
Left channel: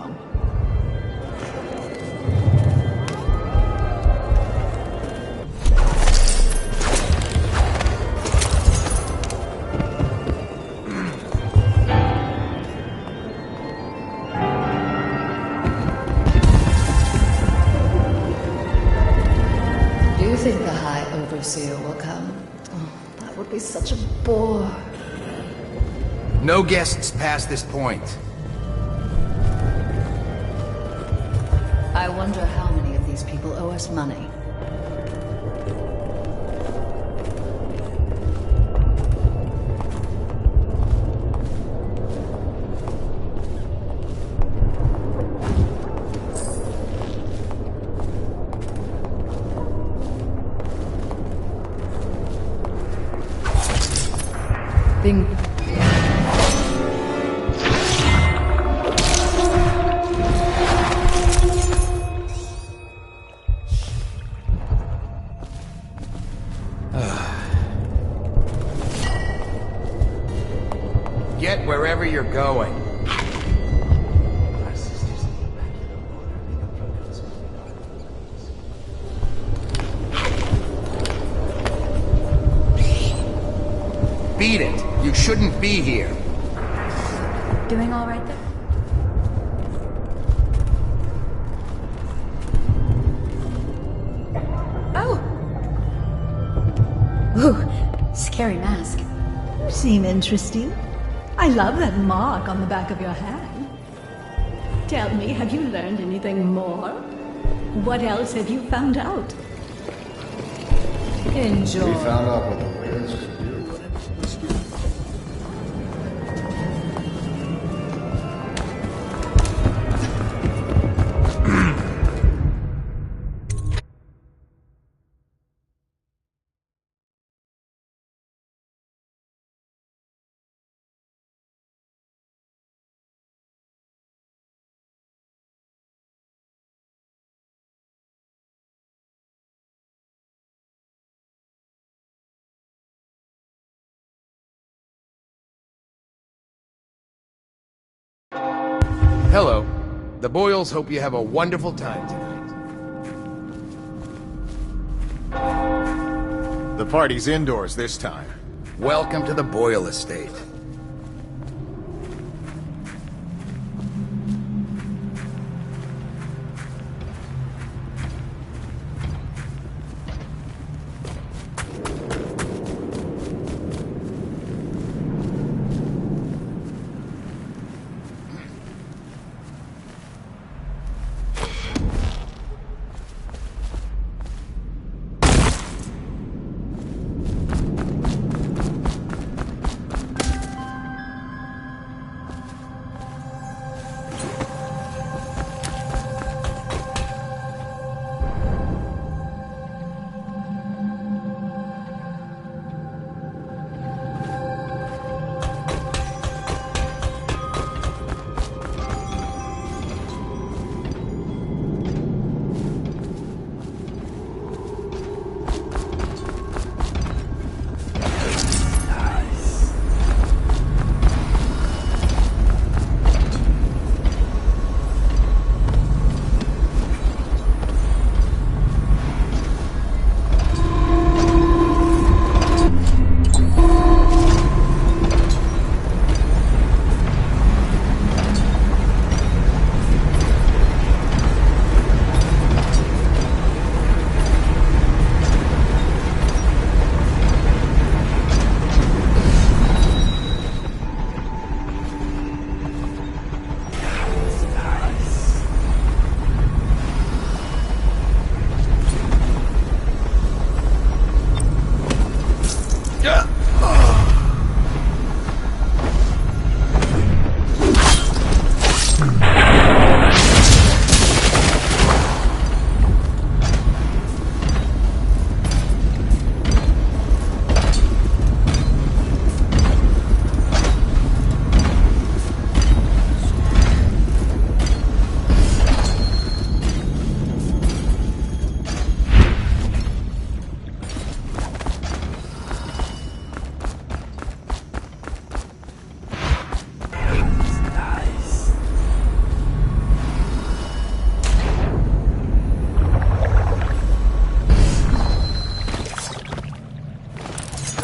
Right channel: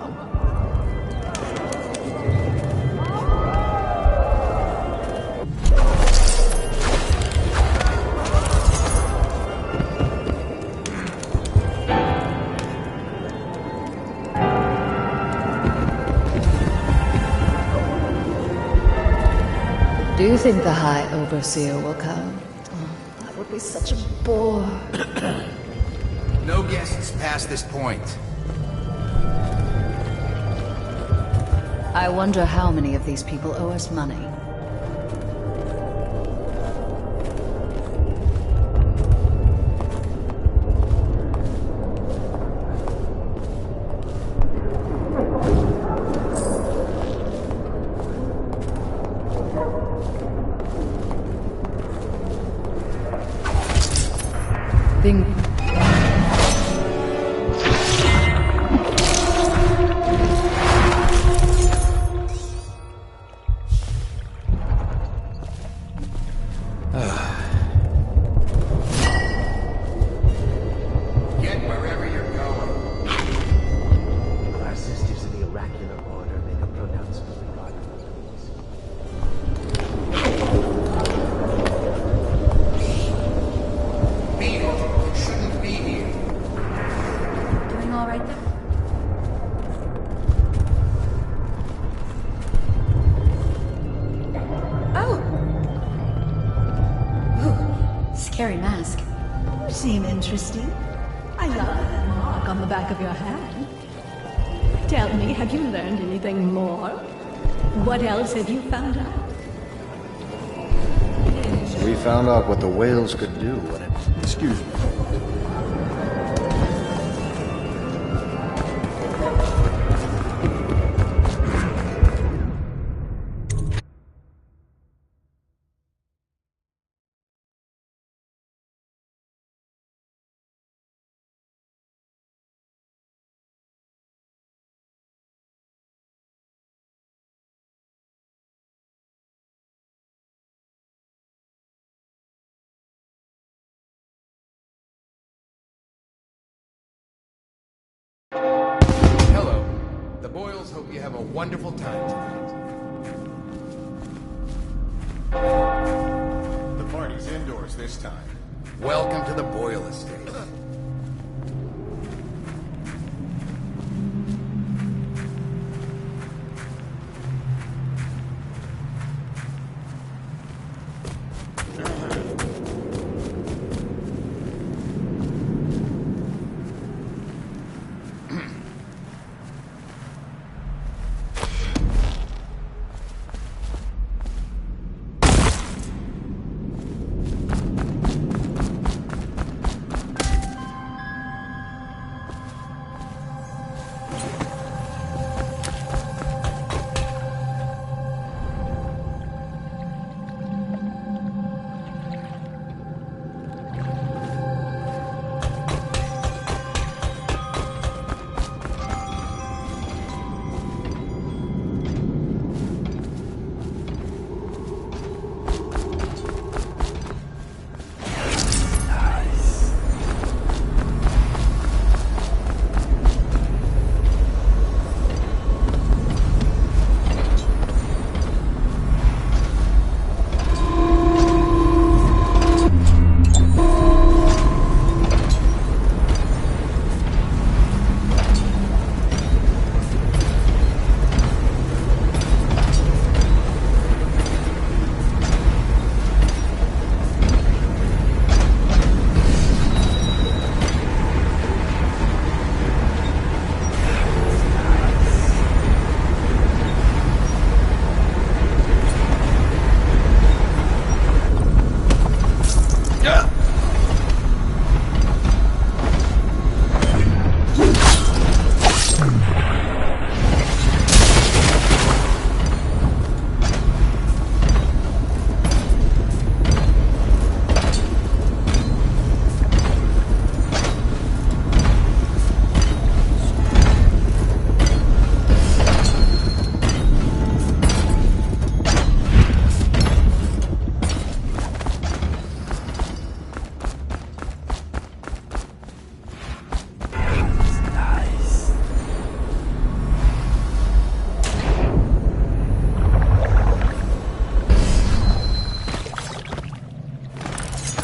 Do you think the High Overseer will come? Oh, that would be such a bore. No guests past this point. I wonder how many of these people owe us money. Get wherever you're going. Our sisters in the oracular order make a pronouncement regarding the Beat it. You shouldn't be here. Doing all right there? Oh! Ooh, scary mask. You seem interesting. I love that mark on the back of your hand. Tell me, have you learned anything more? What else have you found out? Enjoy. We found out what the whales could do when it... Excuse me. Hello. The Boyles hope you have a wonderful time tonight. The party's indoors this time. Welcome to the Boyle estate.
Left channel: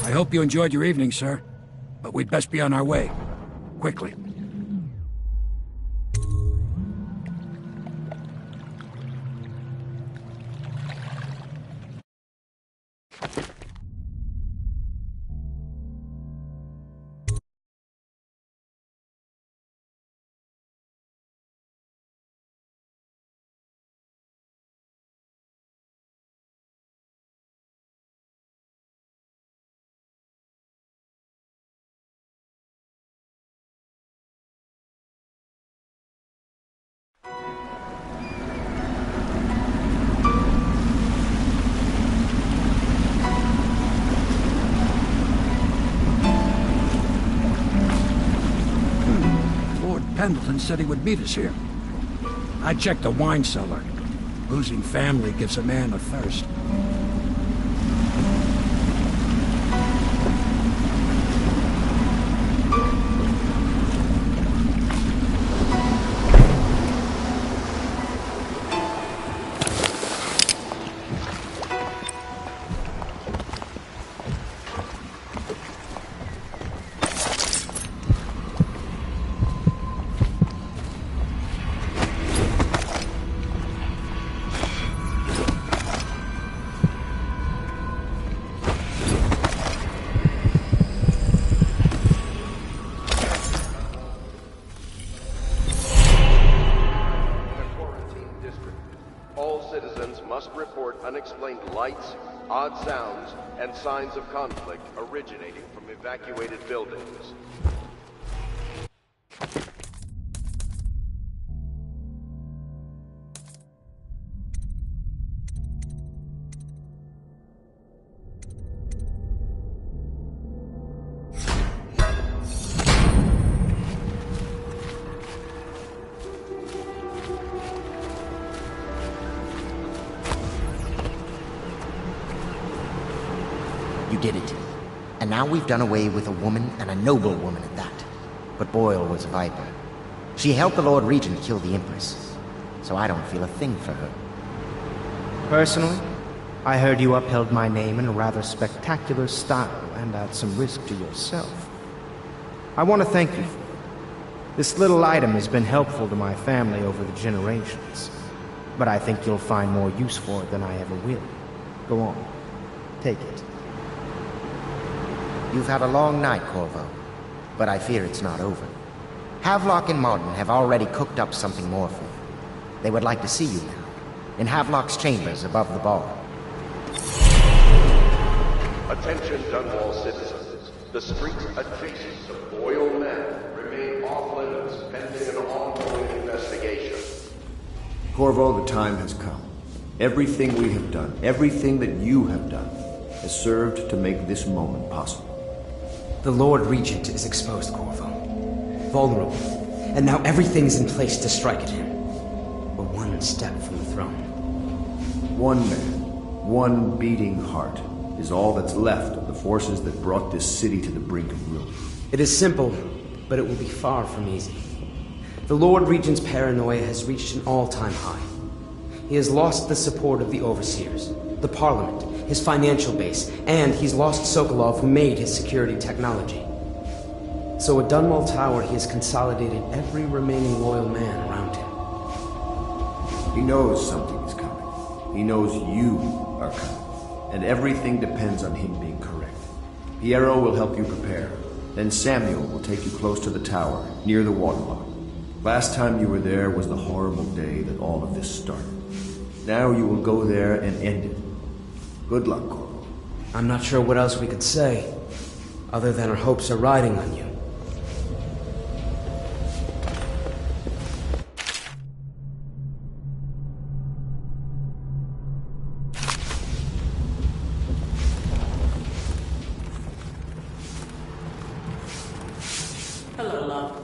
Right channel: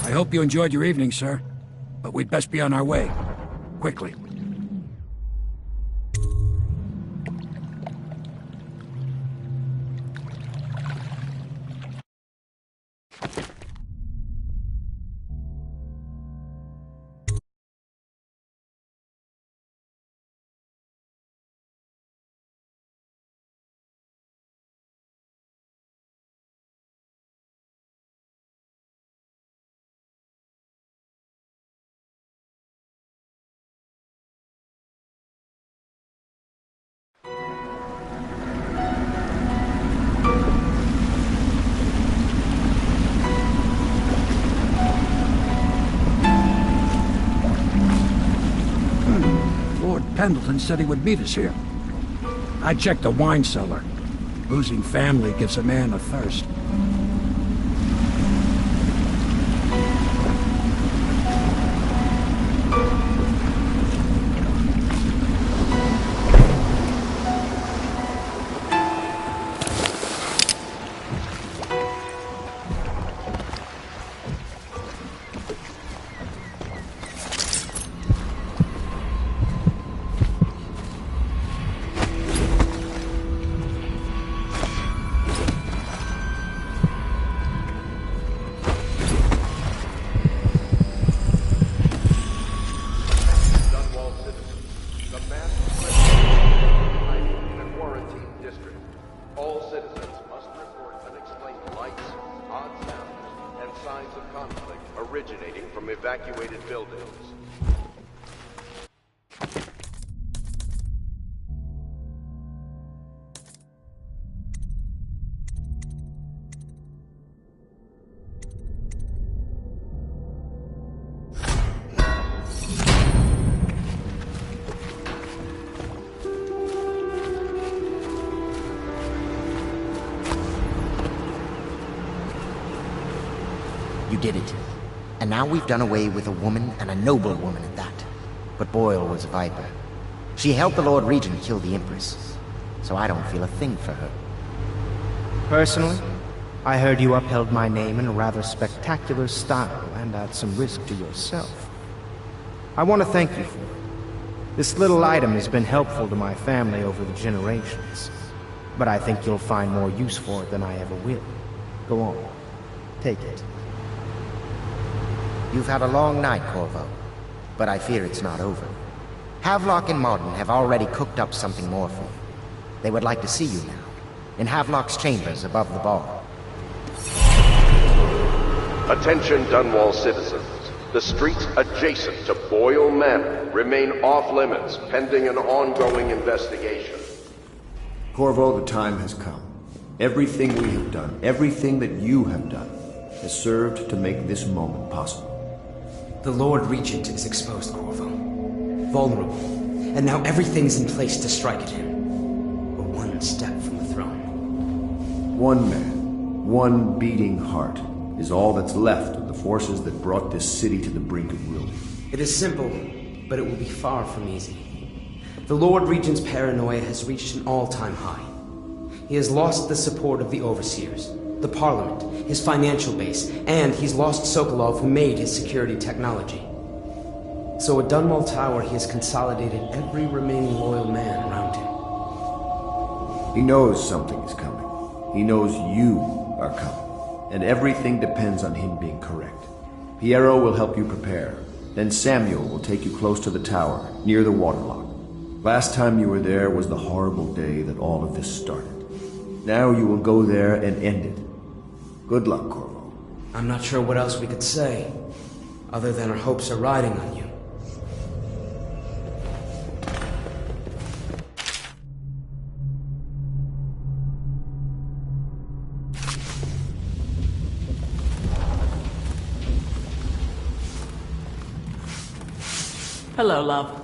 I hope you enjoyed your evening, sir. But we'd best be on our way. Quickly. Pendleton said he would meet us here. I checked the wine cellar. Losing family gives a man a thirst. Unexplained lights, odd sounds, and signs of conflict originating from evacuated buildings. You did it. And now we've done away with a woman, and a noble woman at that. But Boyle was a viper. She helped the Lord Regent kill the Empress, so I don't feel a thing for her. Personally, I heard you upheld my name in a rather spectacular style and at some risk to yourself. I want to thank you for it. This little item has been helpful to my family over the generations, but I think you'll find more use for it than I ever will. Go on. Take it. You've had a long night, Corvo, but I fear it's not over. Havelock and Martin have already cooked up something more for you. They would like to see you now, in Havelock's chambers above the bar. Attention Dunwall citizens. The streets adjacent to Boyle Manor remain off-limits pending an ongoing investigation. Corvo, the time has come. Everything we have done, everything that you have done, has served to make this moment possible. The Lord Regent is exposed, Corvo. Vulnerable. And now everything's in place to strike at him. We're one step from the throne. One man, one beating heart, is all that's left of the forces that brought this city to the brink of ruin. It is simple, but it will be far from easy. The Lord Regent's paranoia has reached an all-time high. He has lost the support of the Overseers, the Parliament, his financial base, and he's lost Sokolov, who made his security technology. So at Dunwall Tower, he has consolidated every remaining loyal man around him. He knows something is coming. He knows you are coming. And everything depends on him being correct. Piero will help you prepare. Then Samuel will take you close to the tower, near the waterlock. Last time you were there was the horrible day that all of this started. Now you will go there and end it. Good luck, Corvo. I'm not sure what else we could say, other than our hopes are riding on you. Hello, love.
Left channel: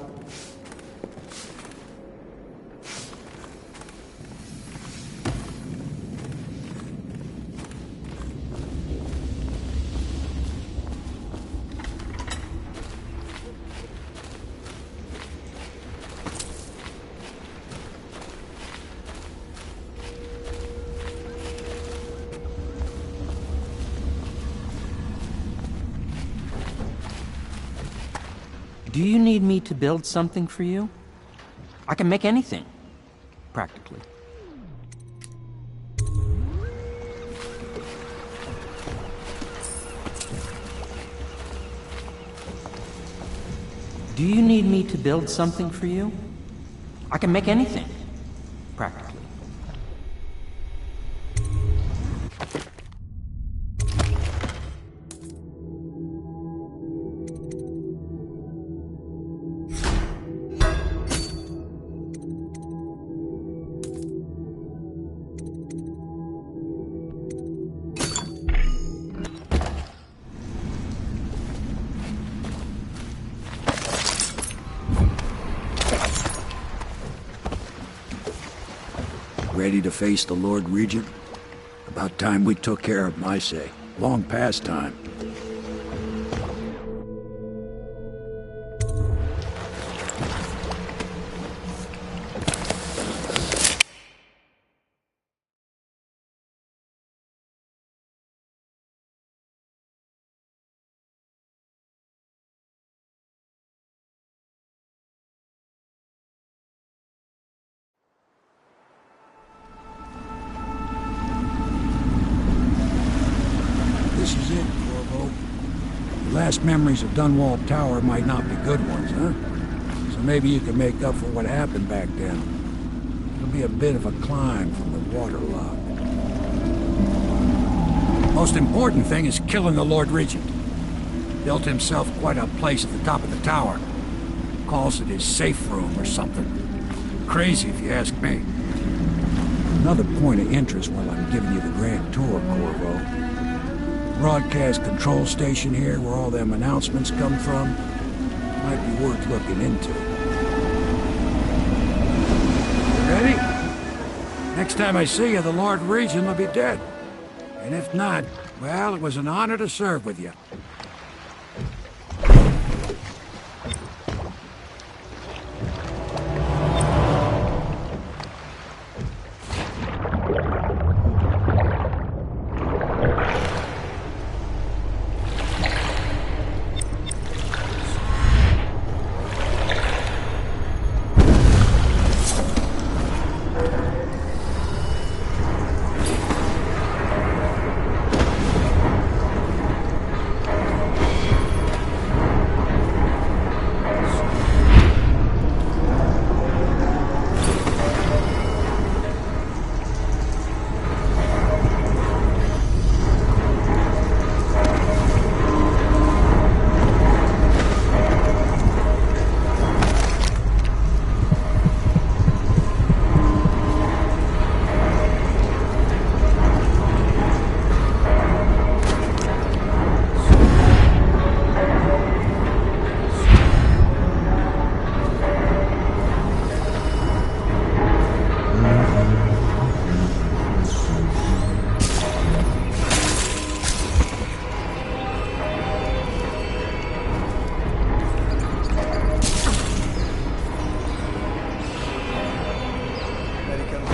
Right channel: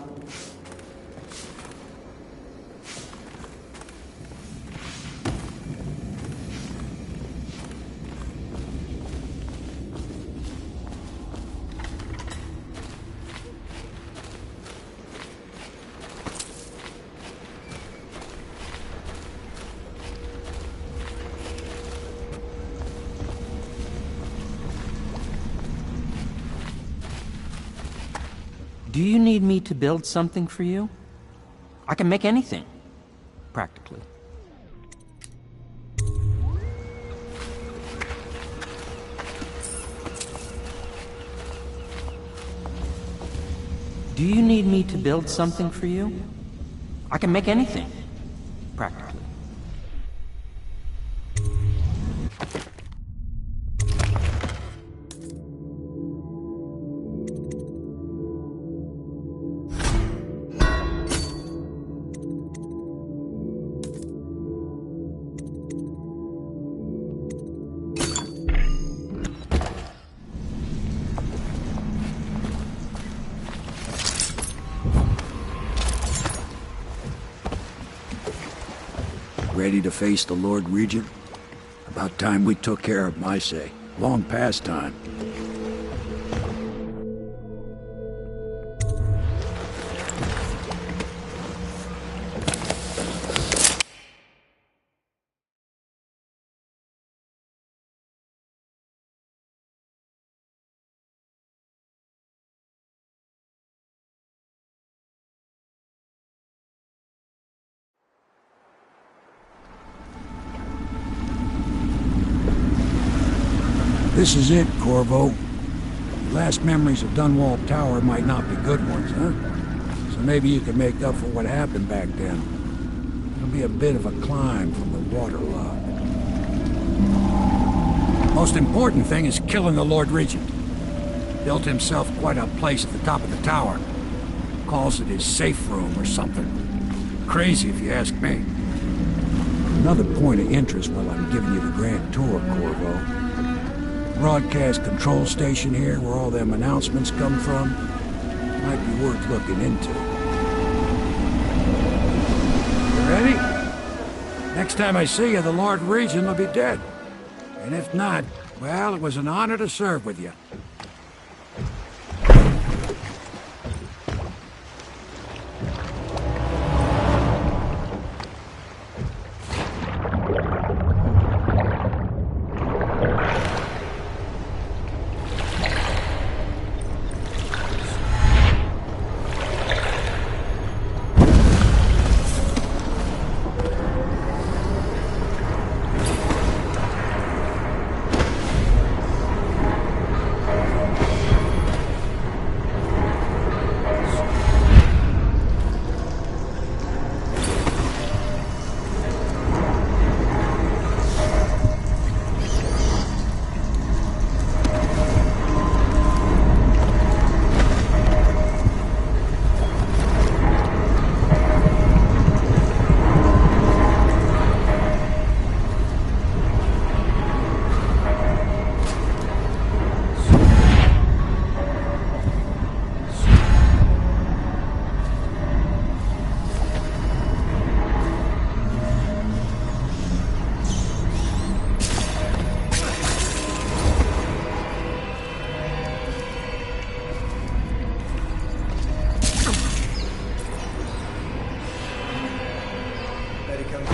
Do you need me to build something for you? I can make anything, practically. Do you need me to build something for you? I can make anything, practically. Ready to face the Lord Regent? About time we took care of my say. Long past time. This is it, Corvo. Your last memories of Dunwall Tower might not be good ones, huh? So maybe you can make up for what happened back then. It'll be a bit of a climb from the waterlock. Most important thing is killing the Lord Regent. Built himself quite a place at the top of the tower. Calls it his safe room or something. Crazy if you ask me. Another point of interest while I'm giving you the grand tour, Corvo. Broadcast control station here where all them announcements come from might be worth looking into. You ready? Next time I see you, the Lord Regent will be dead. And if not, well, it was an honor to serve with you.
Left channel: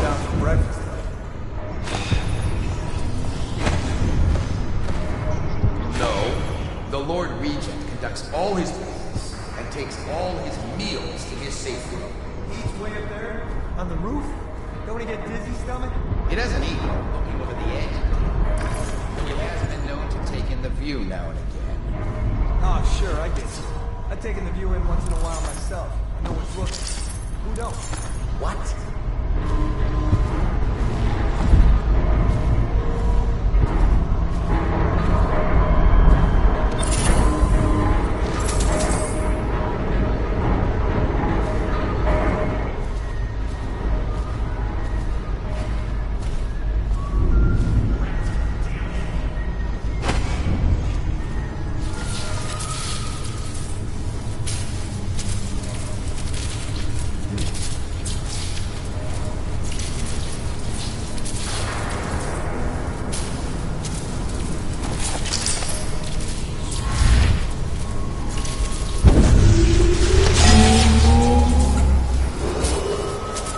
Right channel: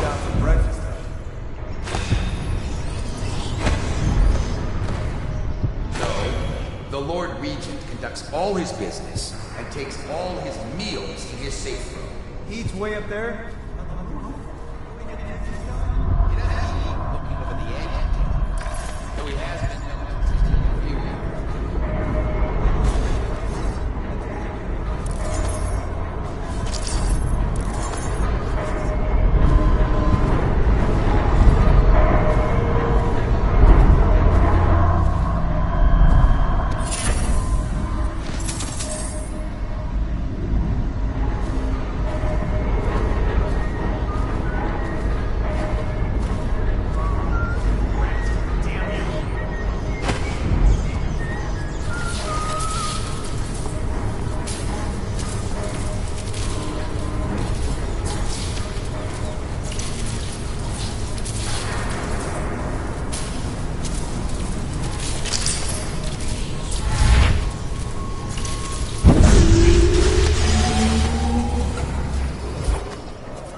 down for breakfast, though. No. The Lord Regent conducts all his business and takes all his meals in his safe room. He eats way up there, on the roof? Don't he get dizzy stomach? He doesn't eat while looking over the edge, though he has been known to take in the view now and again. Oh, sure, I guess. I've taken the view in once in a while myself. I know it's looking. You don't. What?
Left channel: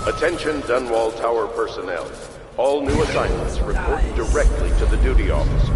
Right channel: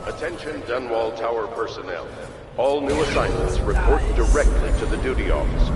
Attention Dunwall Tower personnel. All new assignments report directly to the duty officer.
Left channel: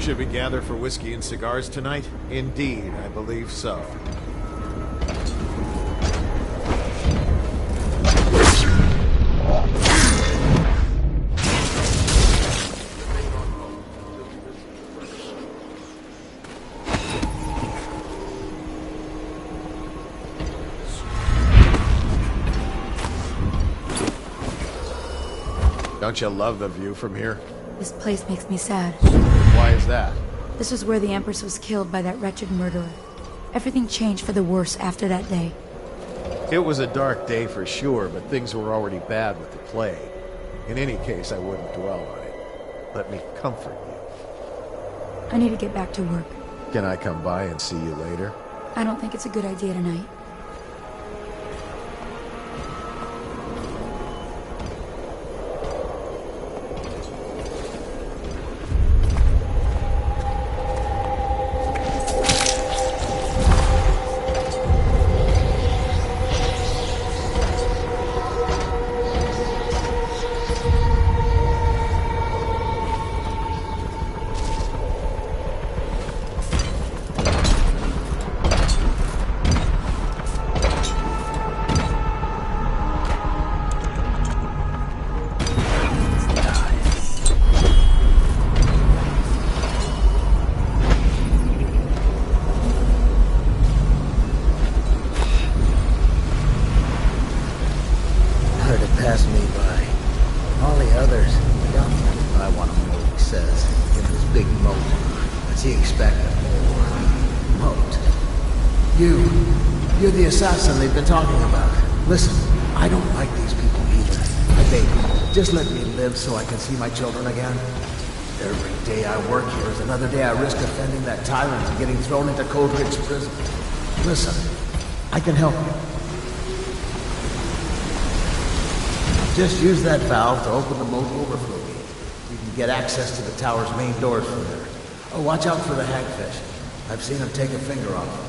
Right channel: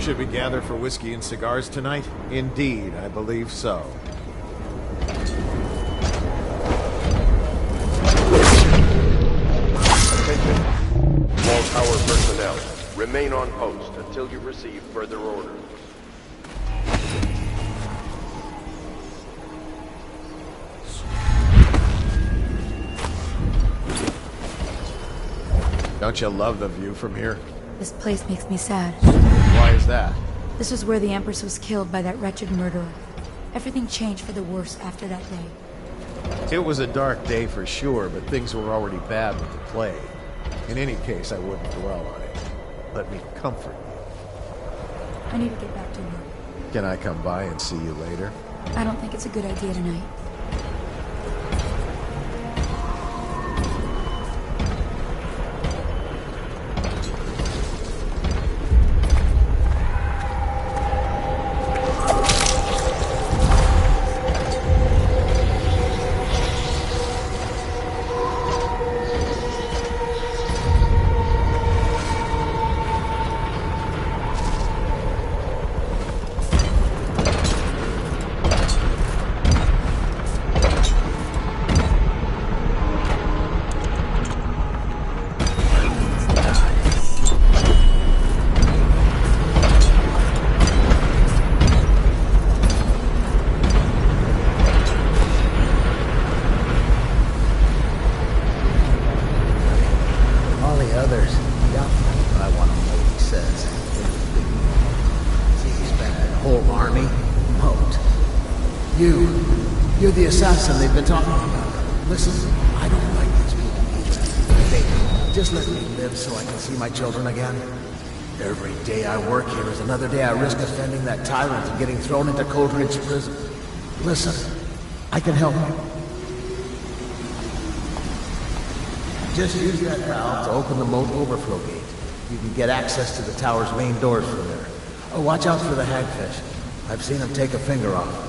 Should we gather for whiskey and cigars tonight? Indeed, I believe so. All tower personnel, remain on post until you receive further orders. Don't you love the view from here? This place makes me sad. Why is that? This was where the Empress was killed by that wretched murderer. Everything changed for the worse after that day. It was a dark day for sure, but things were already bad with the plague. In any case, I wouldn't dwell on it. Let me comfort you. I need to get back to work. Can I come by and see you later? I don't think it's a good idea tonight. You're the assassin they've been talking about. Listen, I don't like these people either. Baby, just let me live so I can see my children again. Every day I work here is another day I risk offending that tyrant and getting thrown into Cold Ridge prison. Listen, I can help you. Just use that valve to open the moat overflow gate. You can get access to the tower's main doors from there. Oh, watch out for the hagfish. I've seen them take a finger off.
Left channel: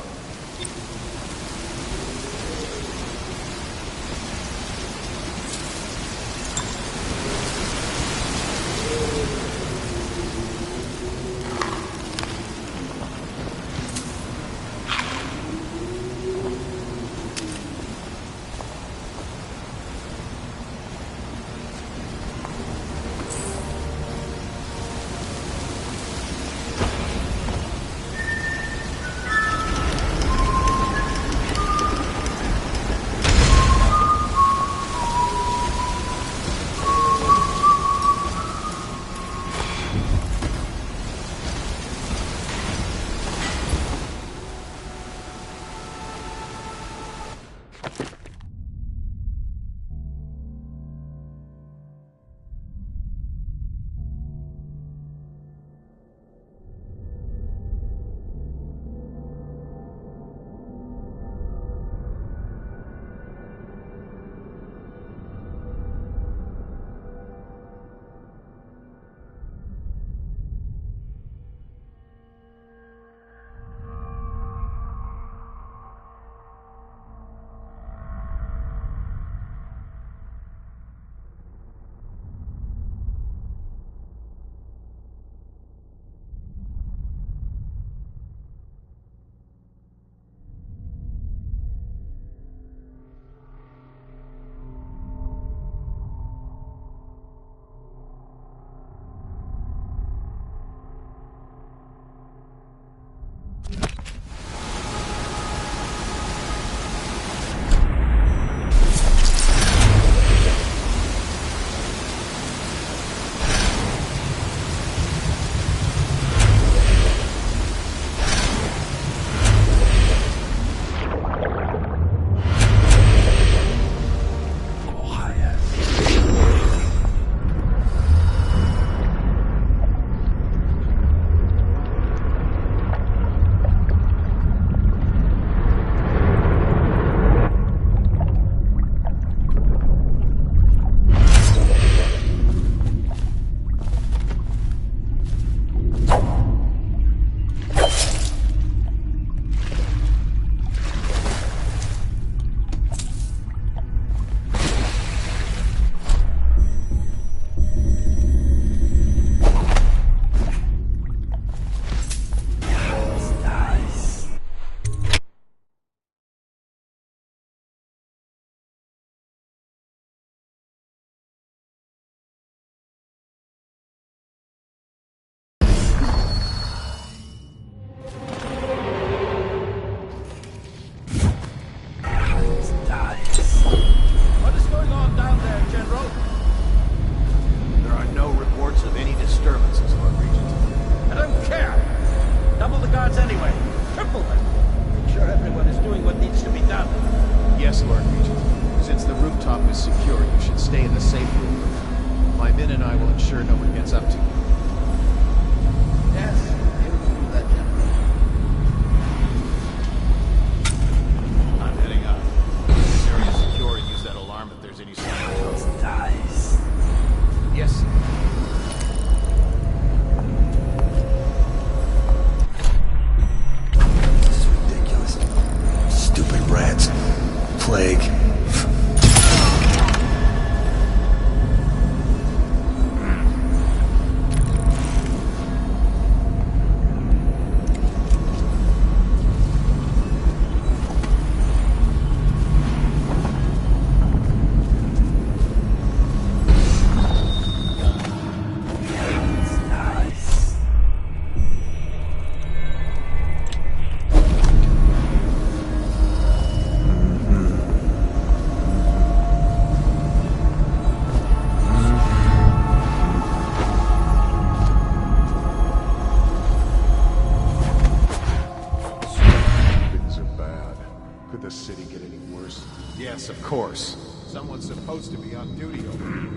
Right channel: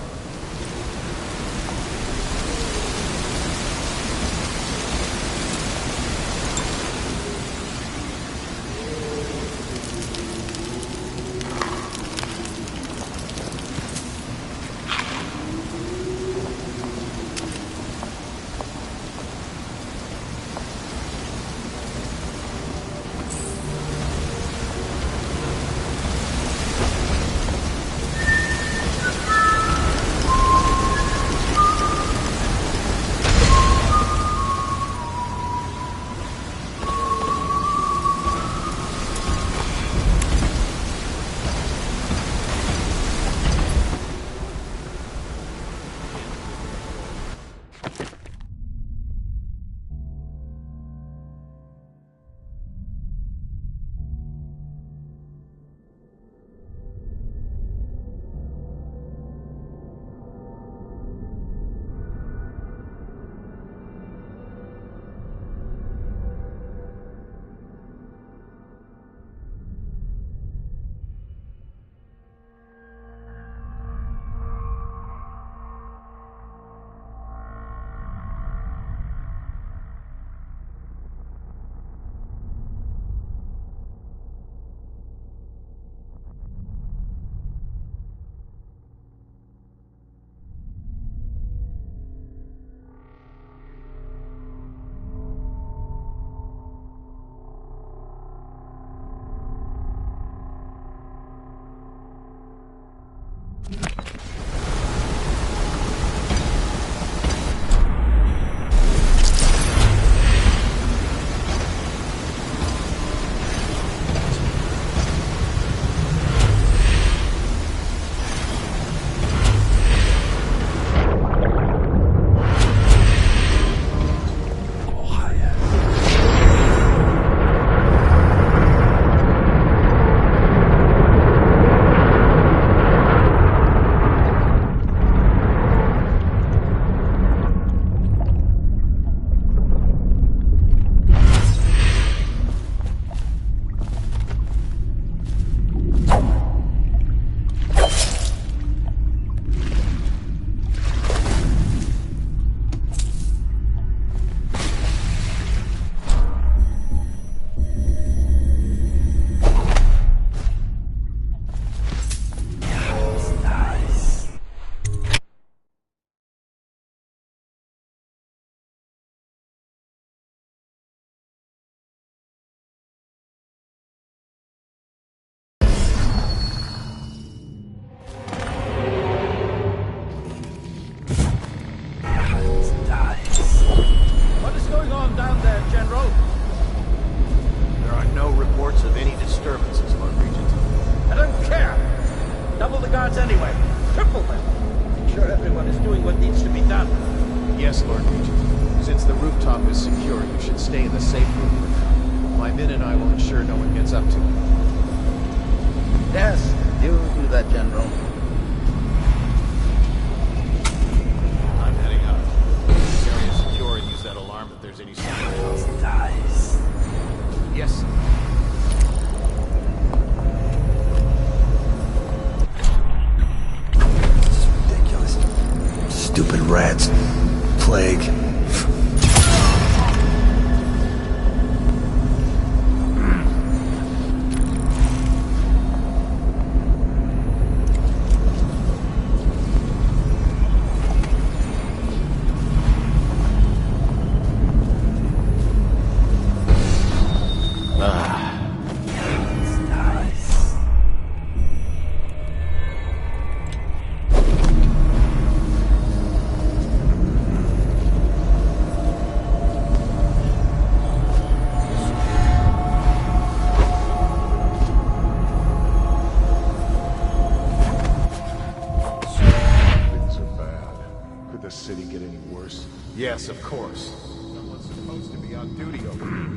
disturbances, Lord Regent. I don't care! Double the guards anyway. Triple them. Make sure everyone is doing what needs to be done. Yes, Lord Regent. Since the rooftop is secure, you should stay in the safe room for now. My men and I will ensure no one gets up to you. Yes, you do that, General. I'm heading up. This area is secure and use that alarm if there's any sign of those dice. Yes, sir. This is ridiculous. Stupid rats. Plague. Yes, of course. Someone's supposed to be on duty over here.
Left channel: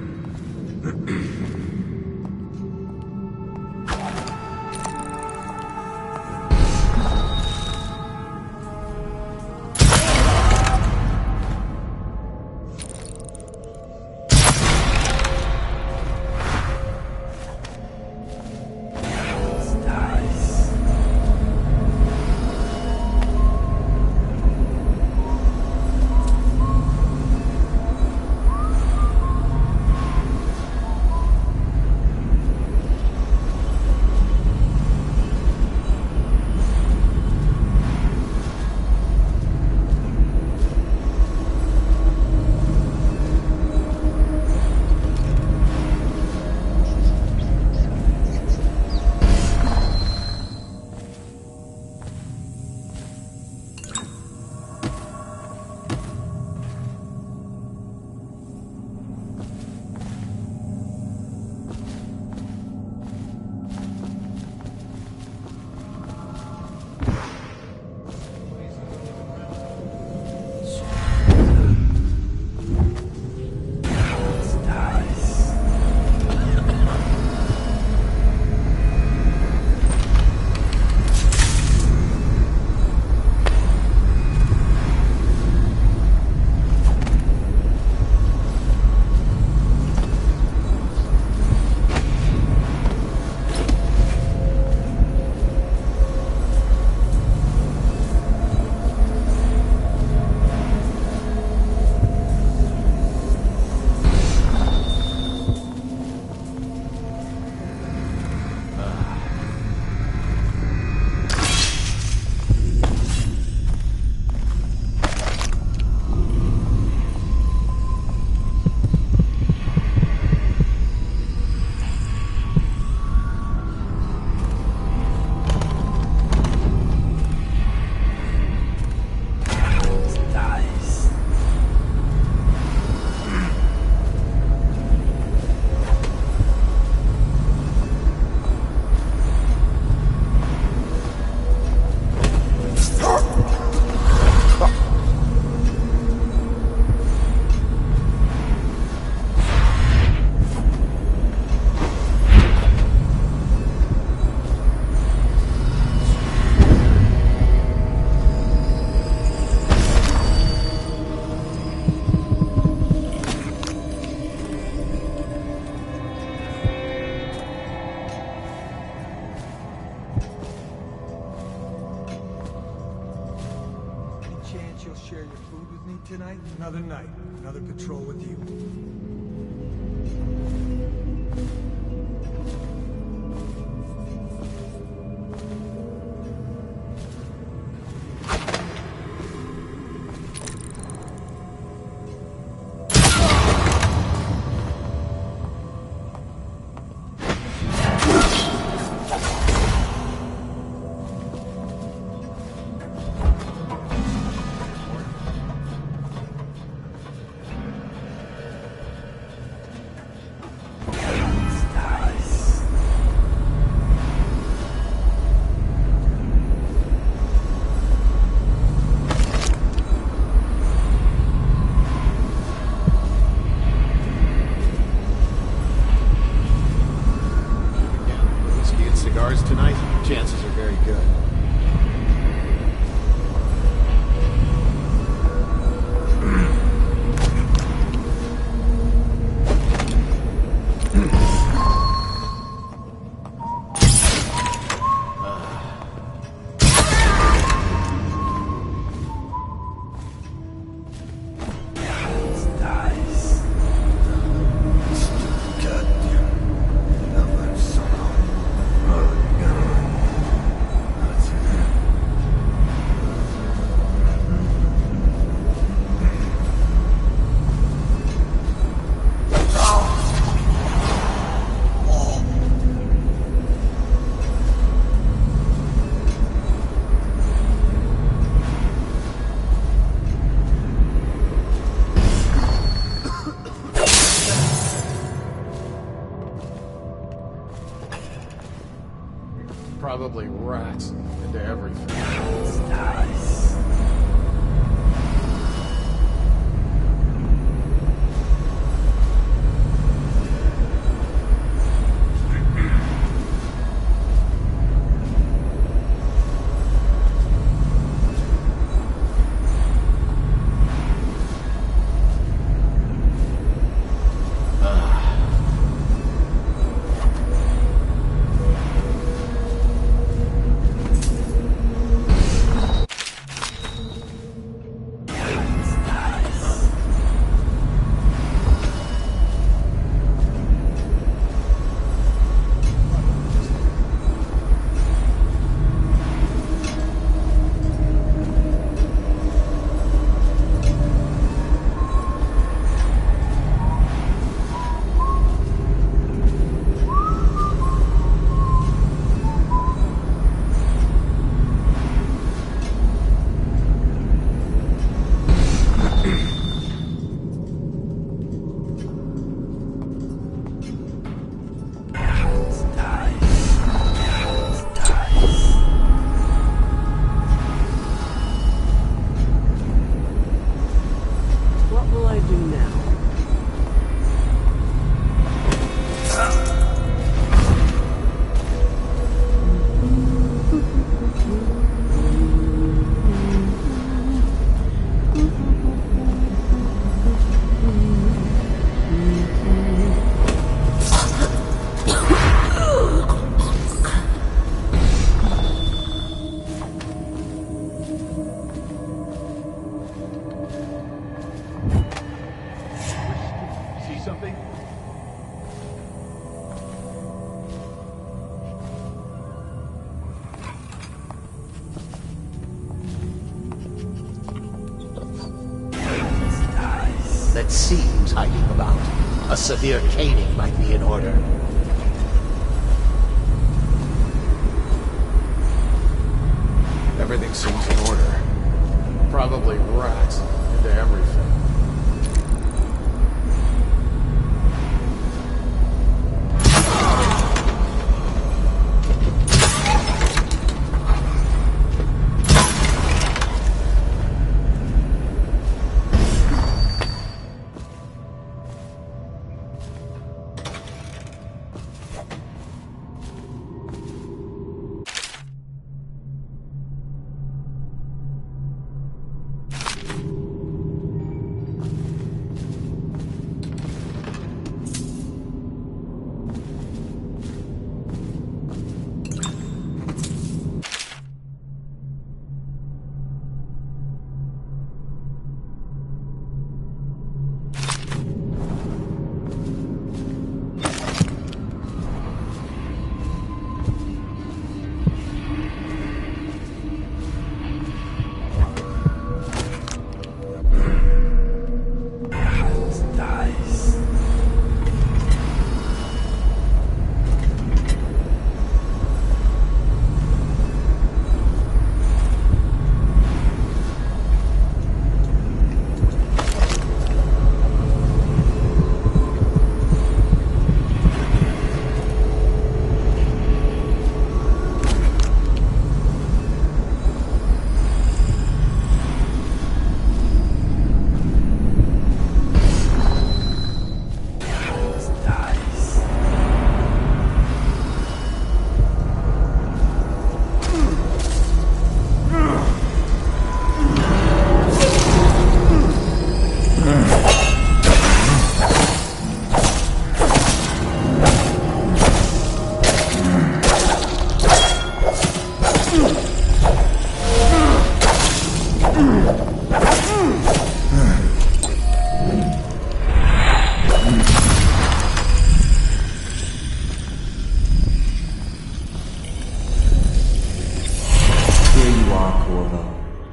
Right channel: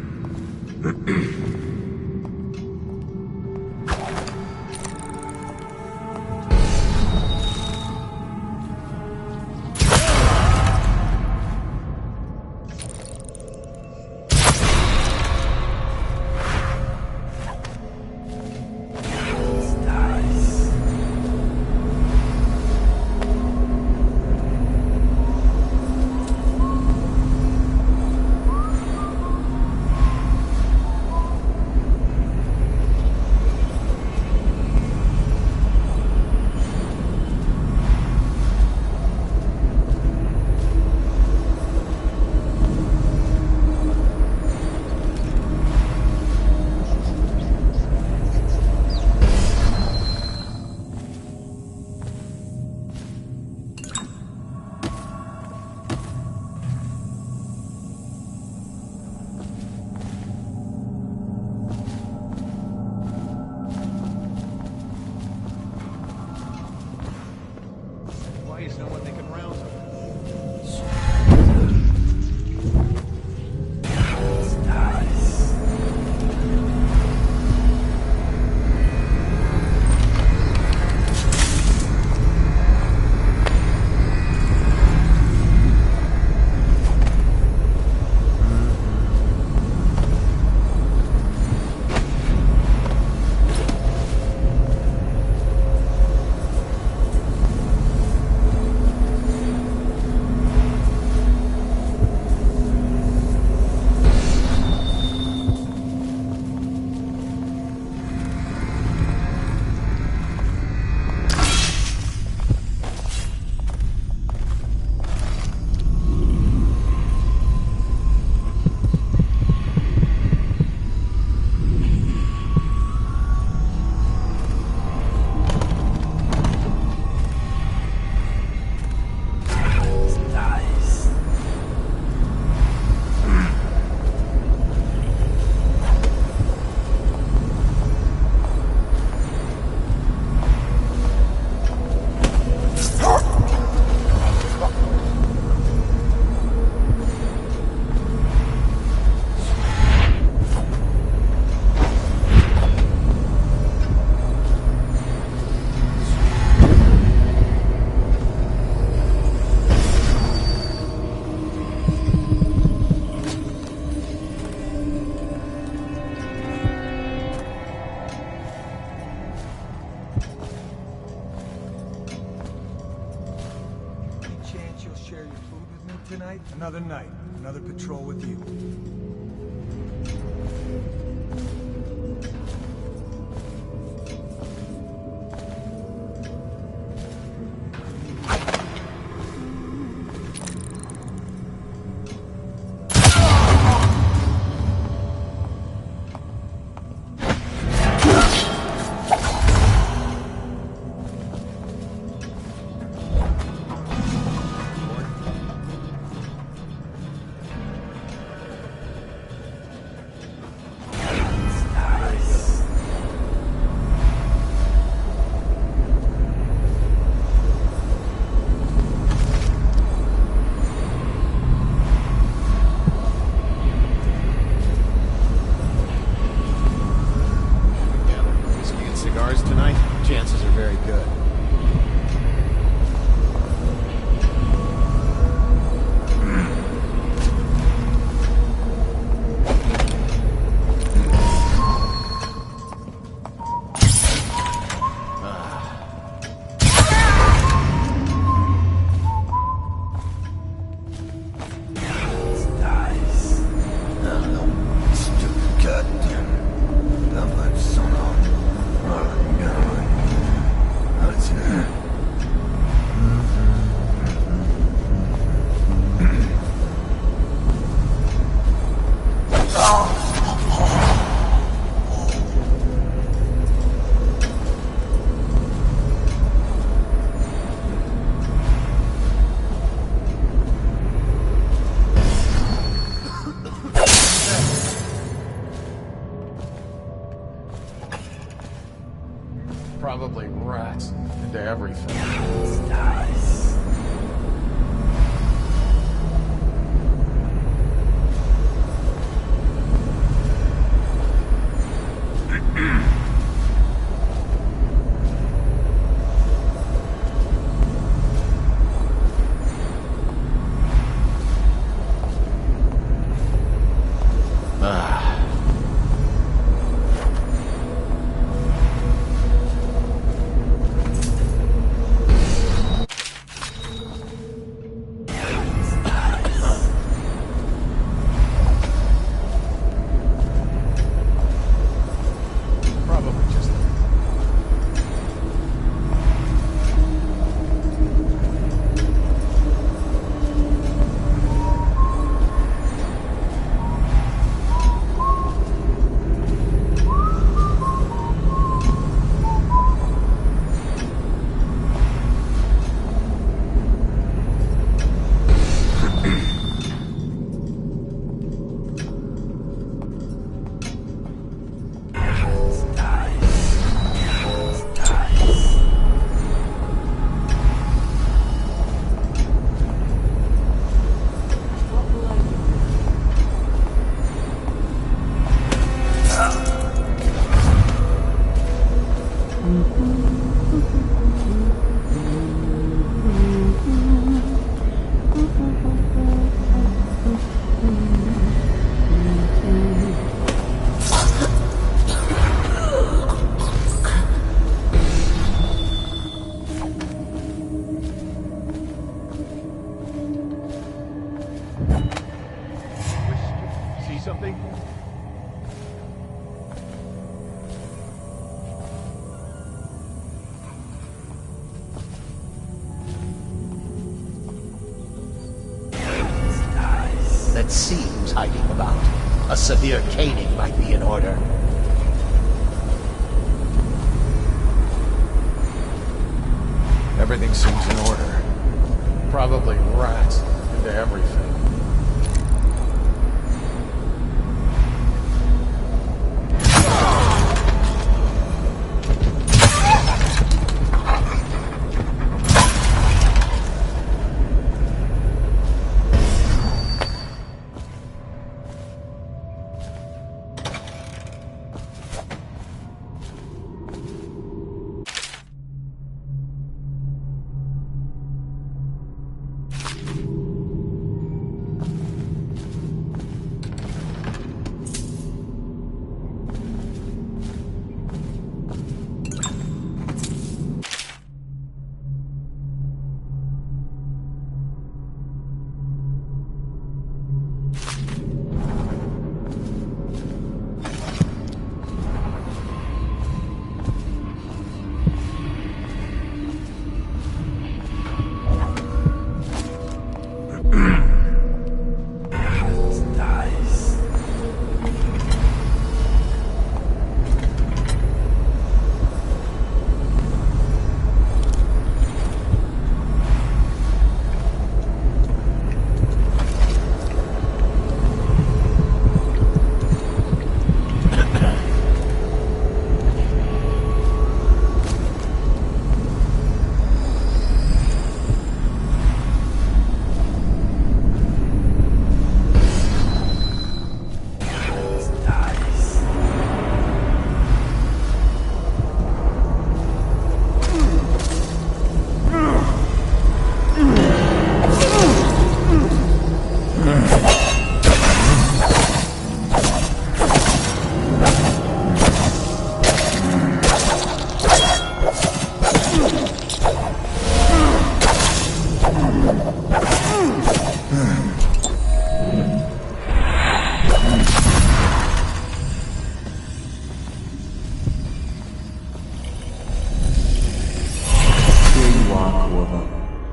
Tonight, another night, another patrol with you. good. Probably rats into everything. Nice. something? That seems hiding about. A severe caning might be in order. Everything seems in order. Probably rats into everything.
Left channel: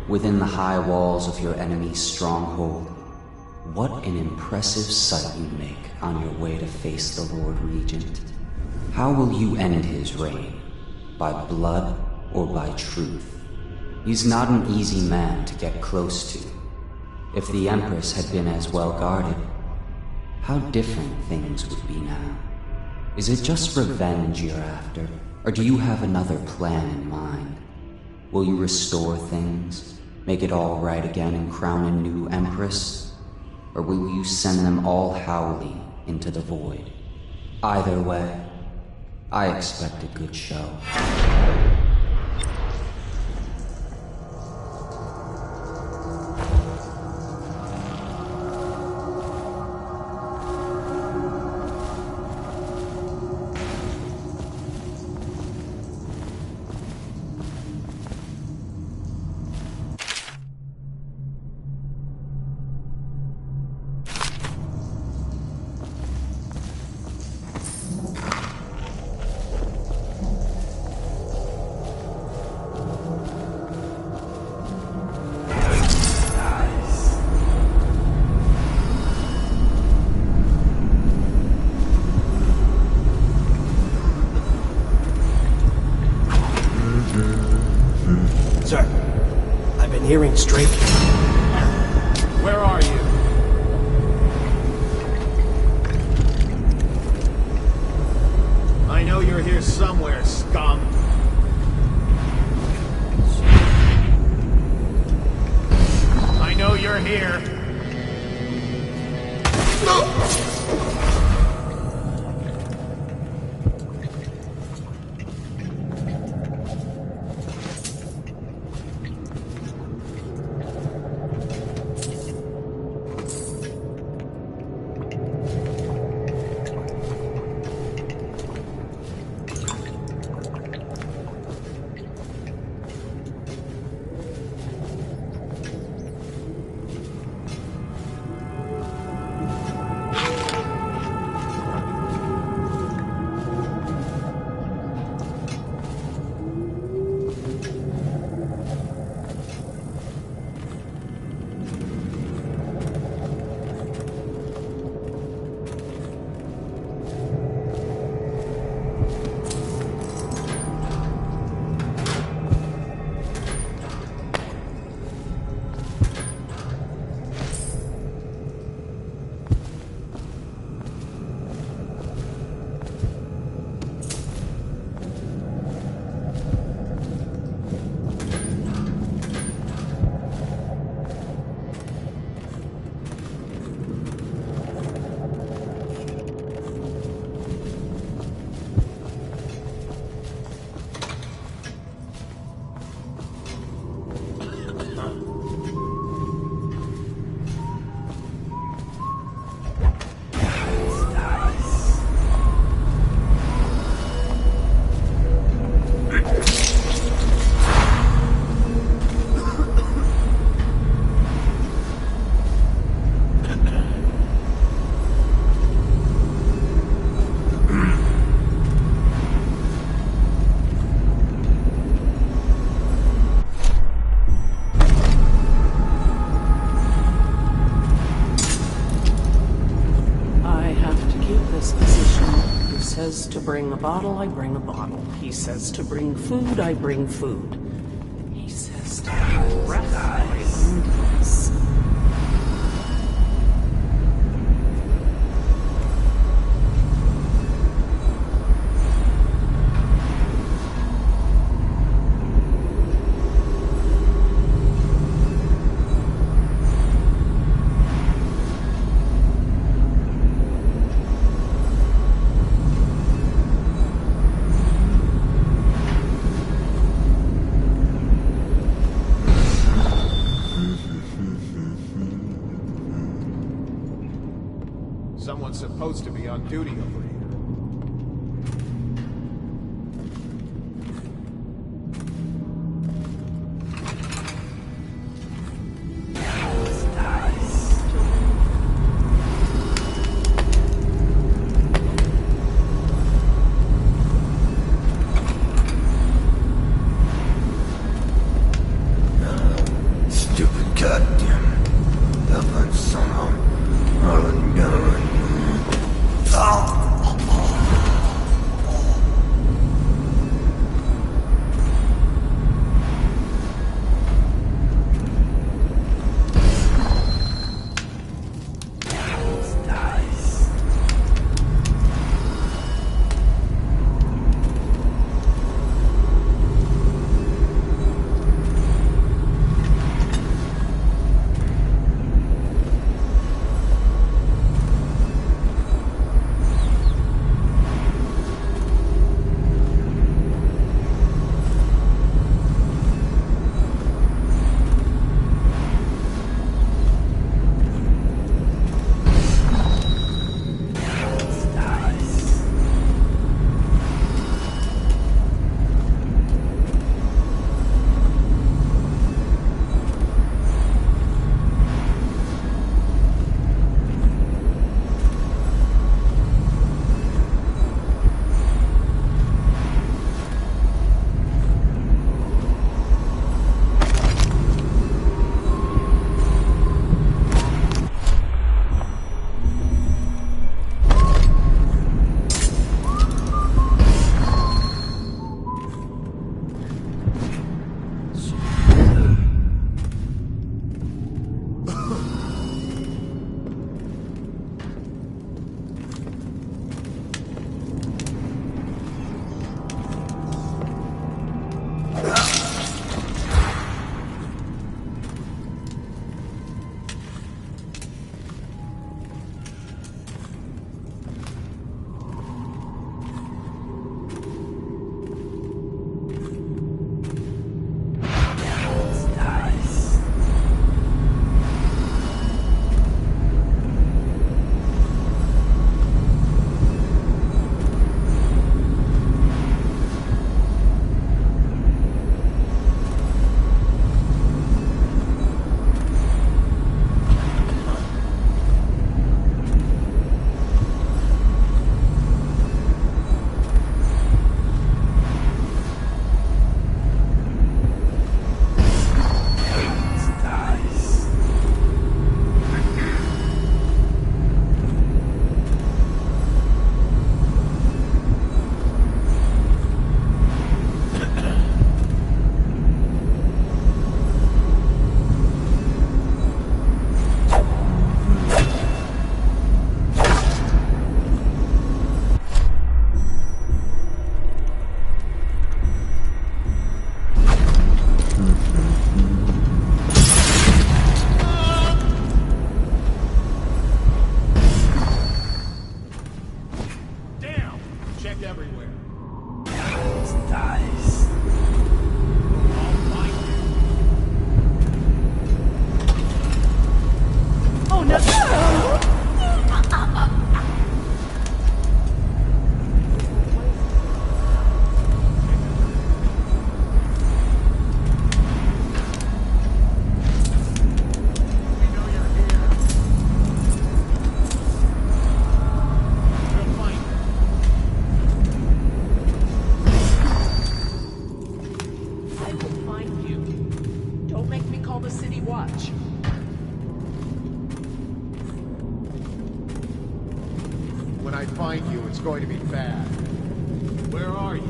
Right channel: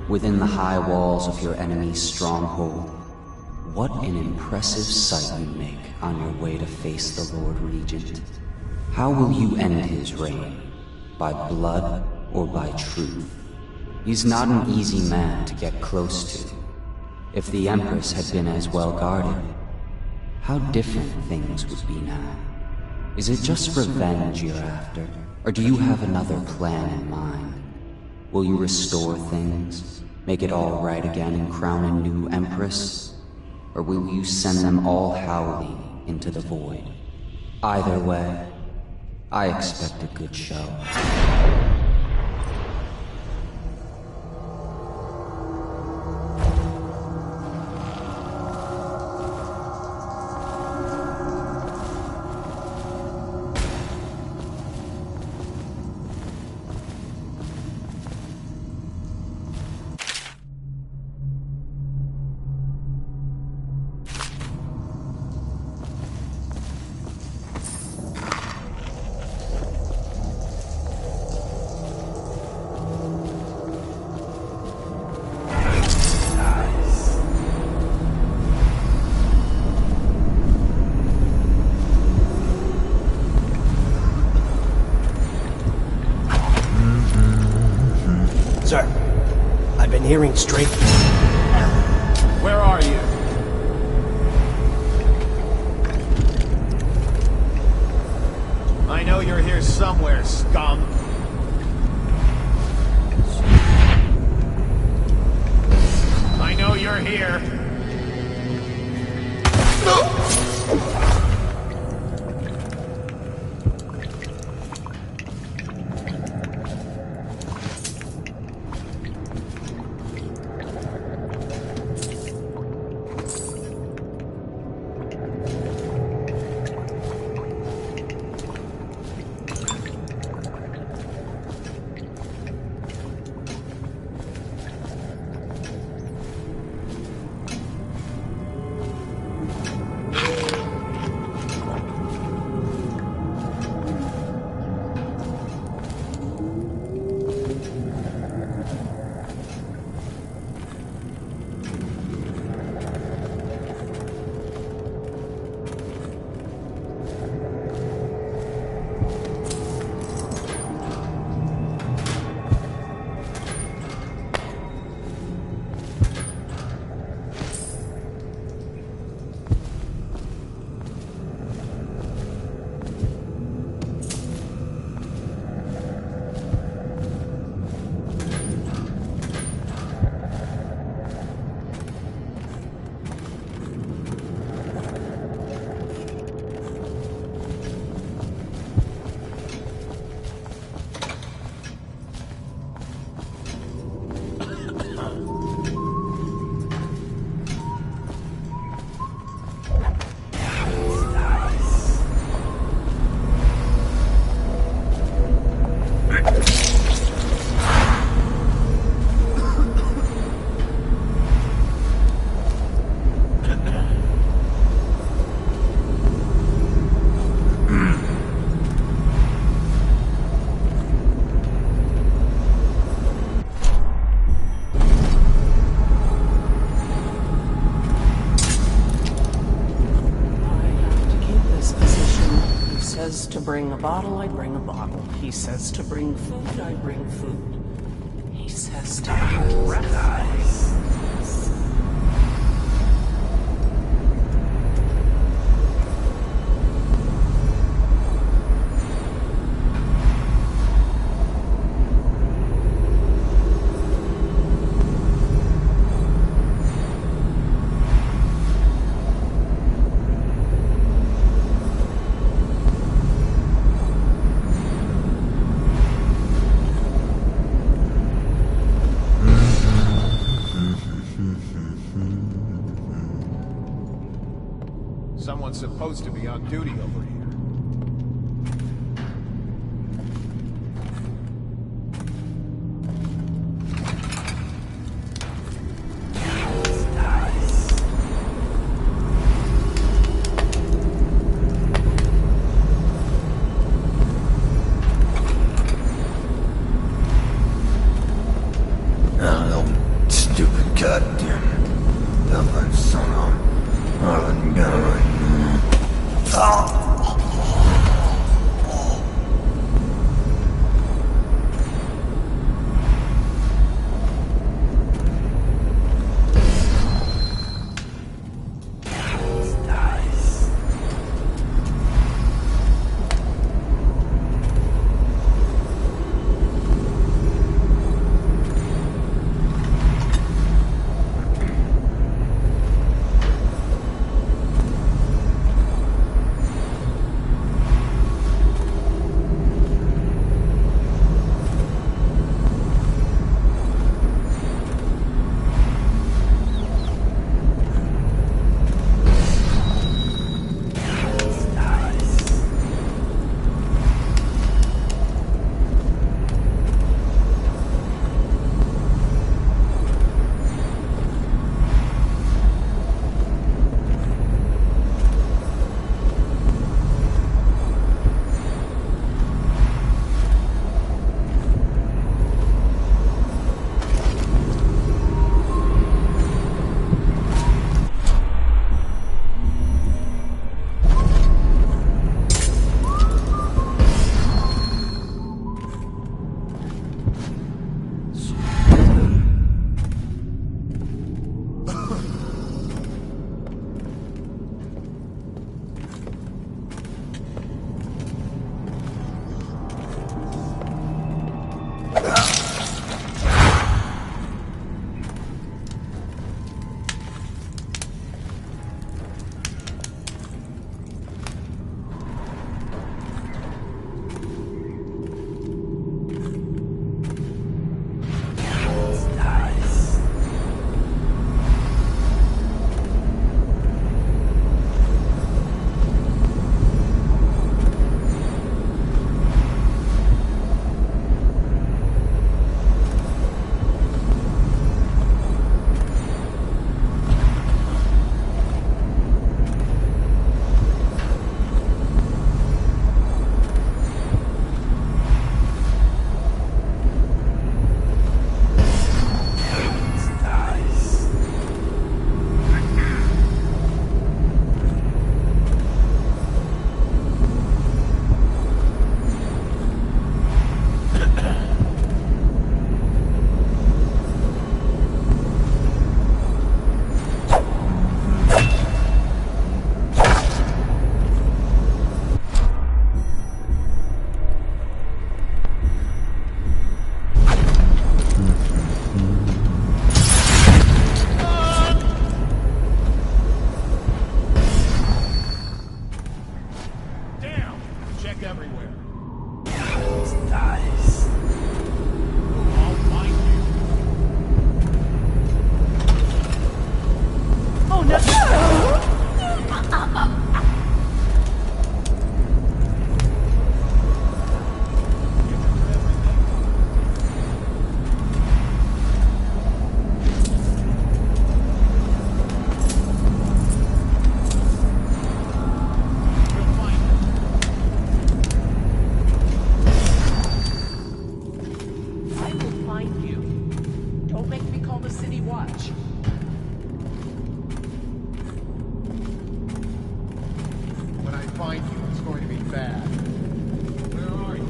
within the high walls of your enemy's stronghold. What an impressive sight you make on your way to face the Lord Regent. How will you end his reign? By blood or by truth? He's not an easy man to get close to. If the Empress had been as well guarded, how different things would be now. Is it just revenge you're after, or do you have another plan in mind? Will you restore things, make it all right again and crown a new Empress? Or will you send them all howling into the void? Either way, I expect a good show. Sir, I've been hearing strange... Where are you? I know you're here somewhere, scum. I know you're here. Says to bring a bottle, I bring a bottle. He says to bring food, I bring food. He says to bring breath, I bring breath. Someone's supposed to be on duty over here. look everywhere. Dice. I'll find you. Oh no! When I find you, it's going to be bad. Where are you?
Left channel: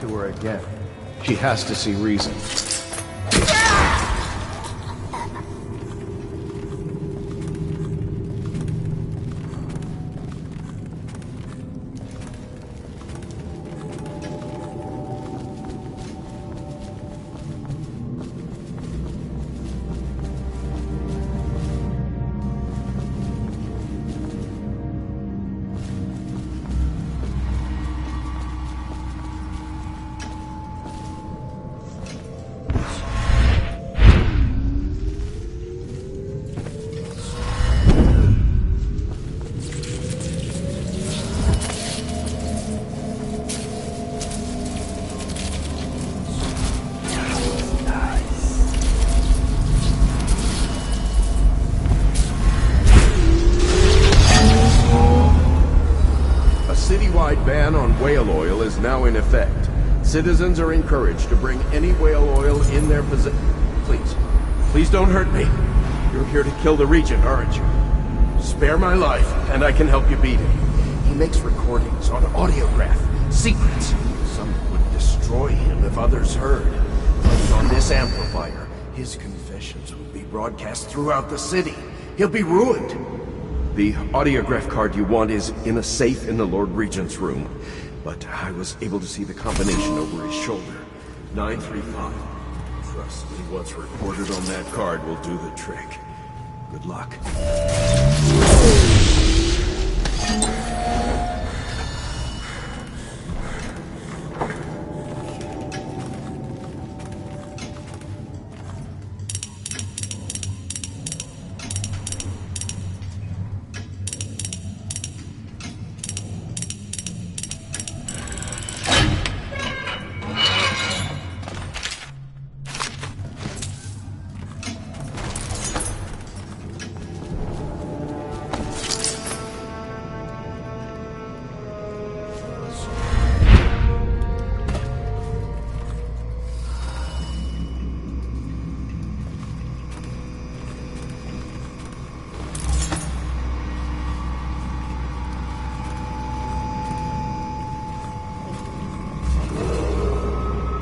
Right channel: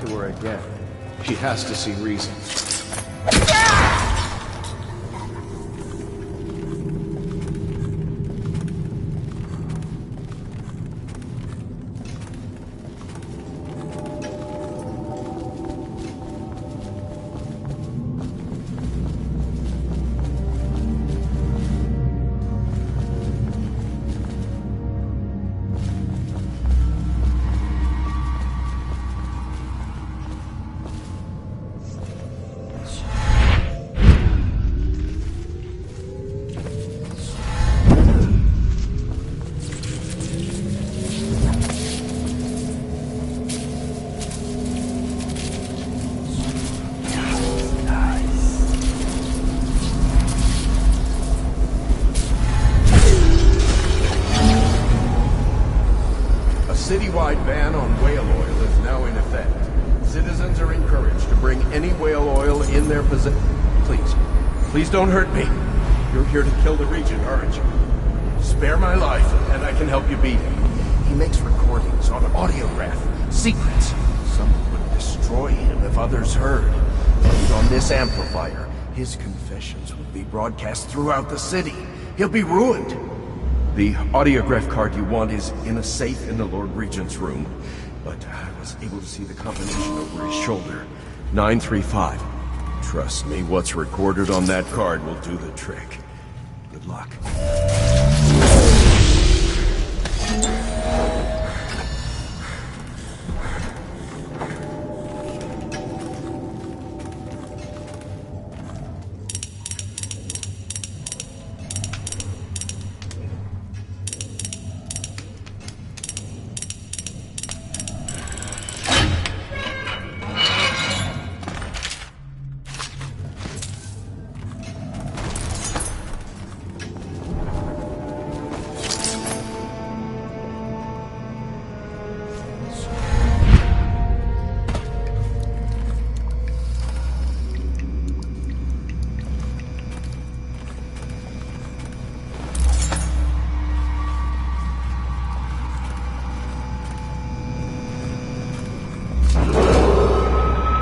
To her again. She has to see reason. Citywide ban on whale oil is now in effect. Citizens are encouraged to bring any whale oil in their possession. Please don't hurt me. You're here to kill the Regent, aren't you? Spare my life, and I can help you beat him. He makes recordings on audiograph, secrets. Some would destroy him if others heard. Played on this amplifier, his confessions would be broadcast throughout the city. He'll be ruined. The audiograph card you want is in a safe in the Lord Regent's room, but I was able to see the combination over his shoulder. 935. Trust me, what's recorded on that card will do the trick. Good luck.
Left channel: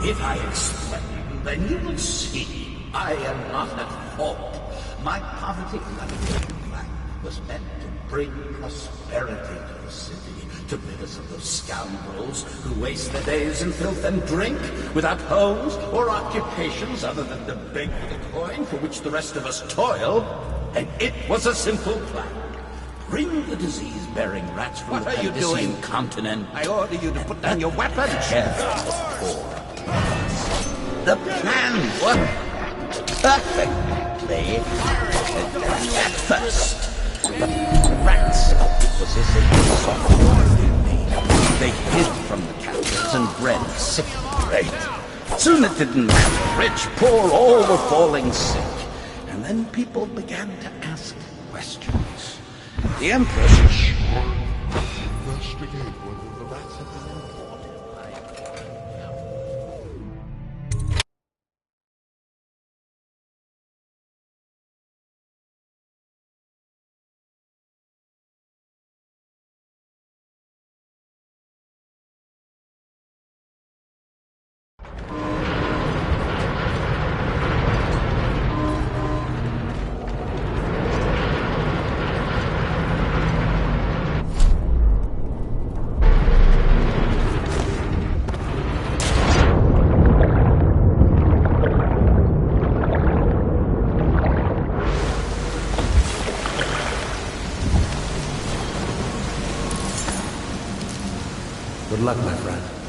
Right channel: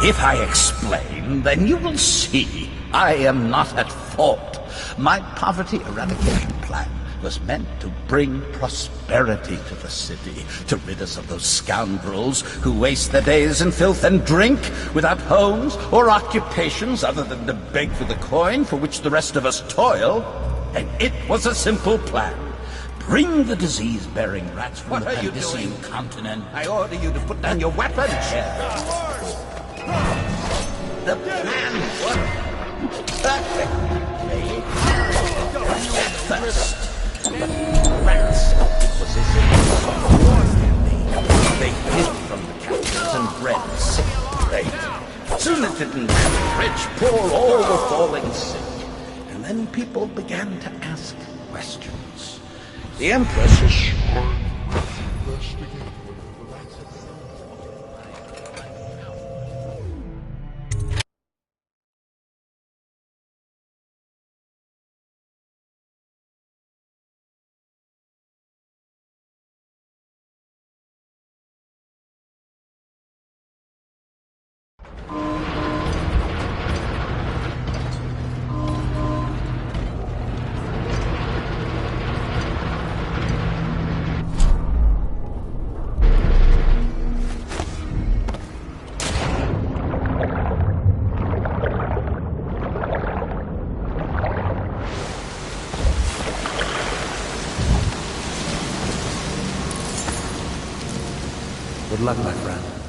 If I explain, then you will see I am not at fault. My poverty eradication plan was meant to bring prosperity to the city, to rid us of those scoundrels who waste their days in filth and drink, without homes or occupations other than to beg for the coin for which the rest of us toil. And it was a simple plan. Bring the disease-bearing rats from the Pandician continent. I order you to put down your weapon. The plan worked perfectly. At first, the rats was as if they hid from the captors and bred sick prey. Soon it didn't matter. Rich, poor, all were falling sick. And then people began to ask questions. The Empress is sworn to investigate whether the rats have been Good luck, my friend.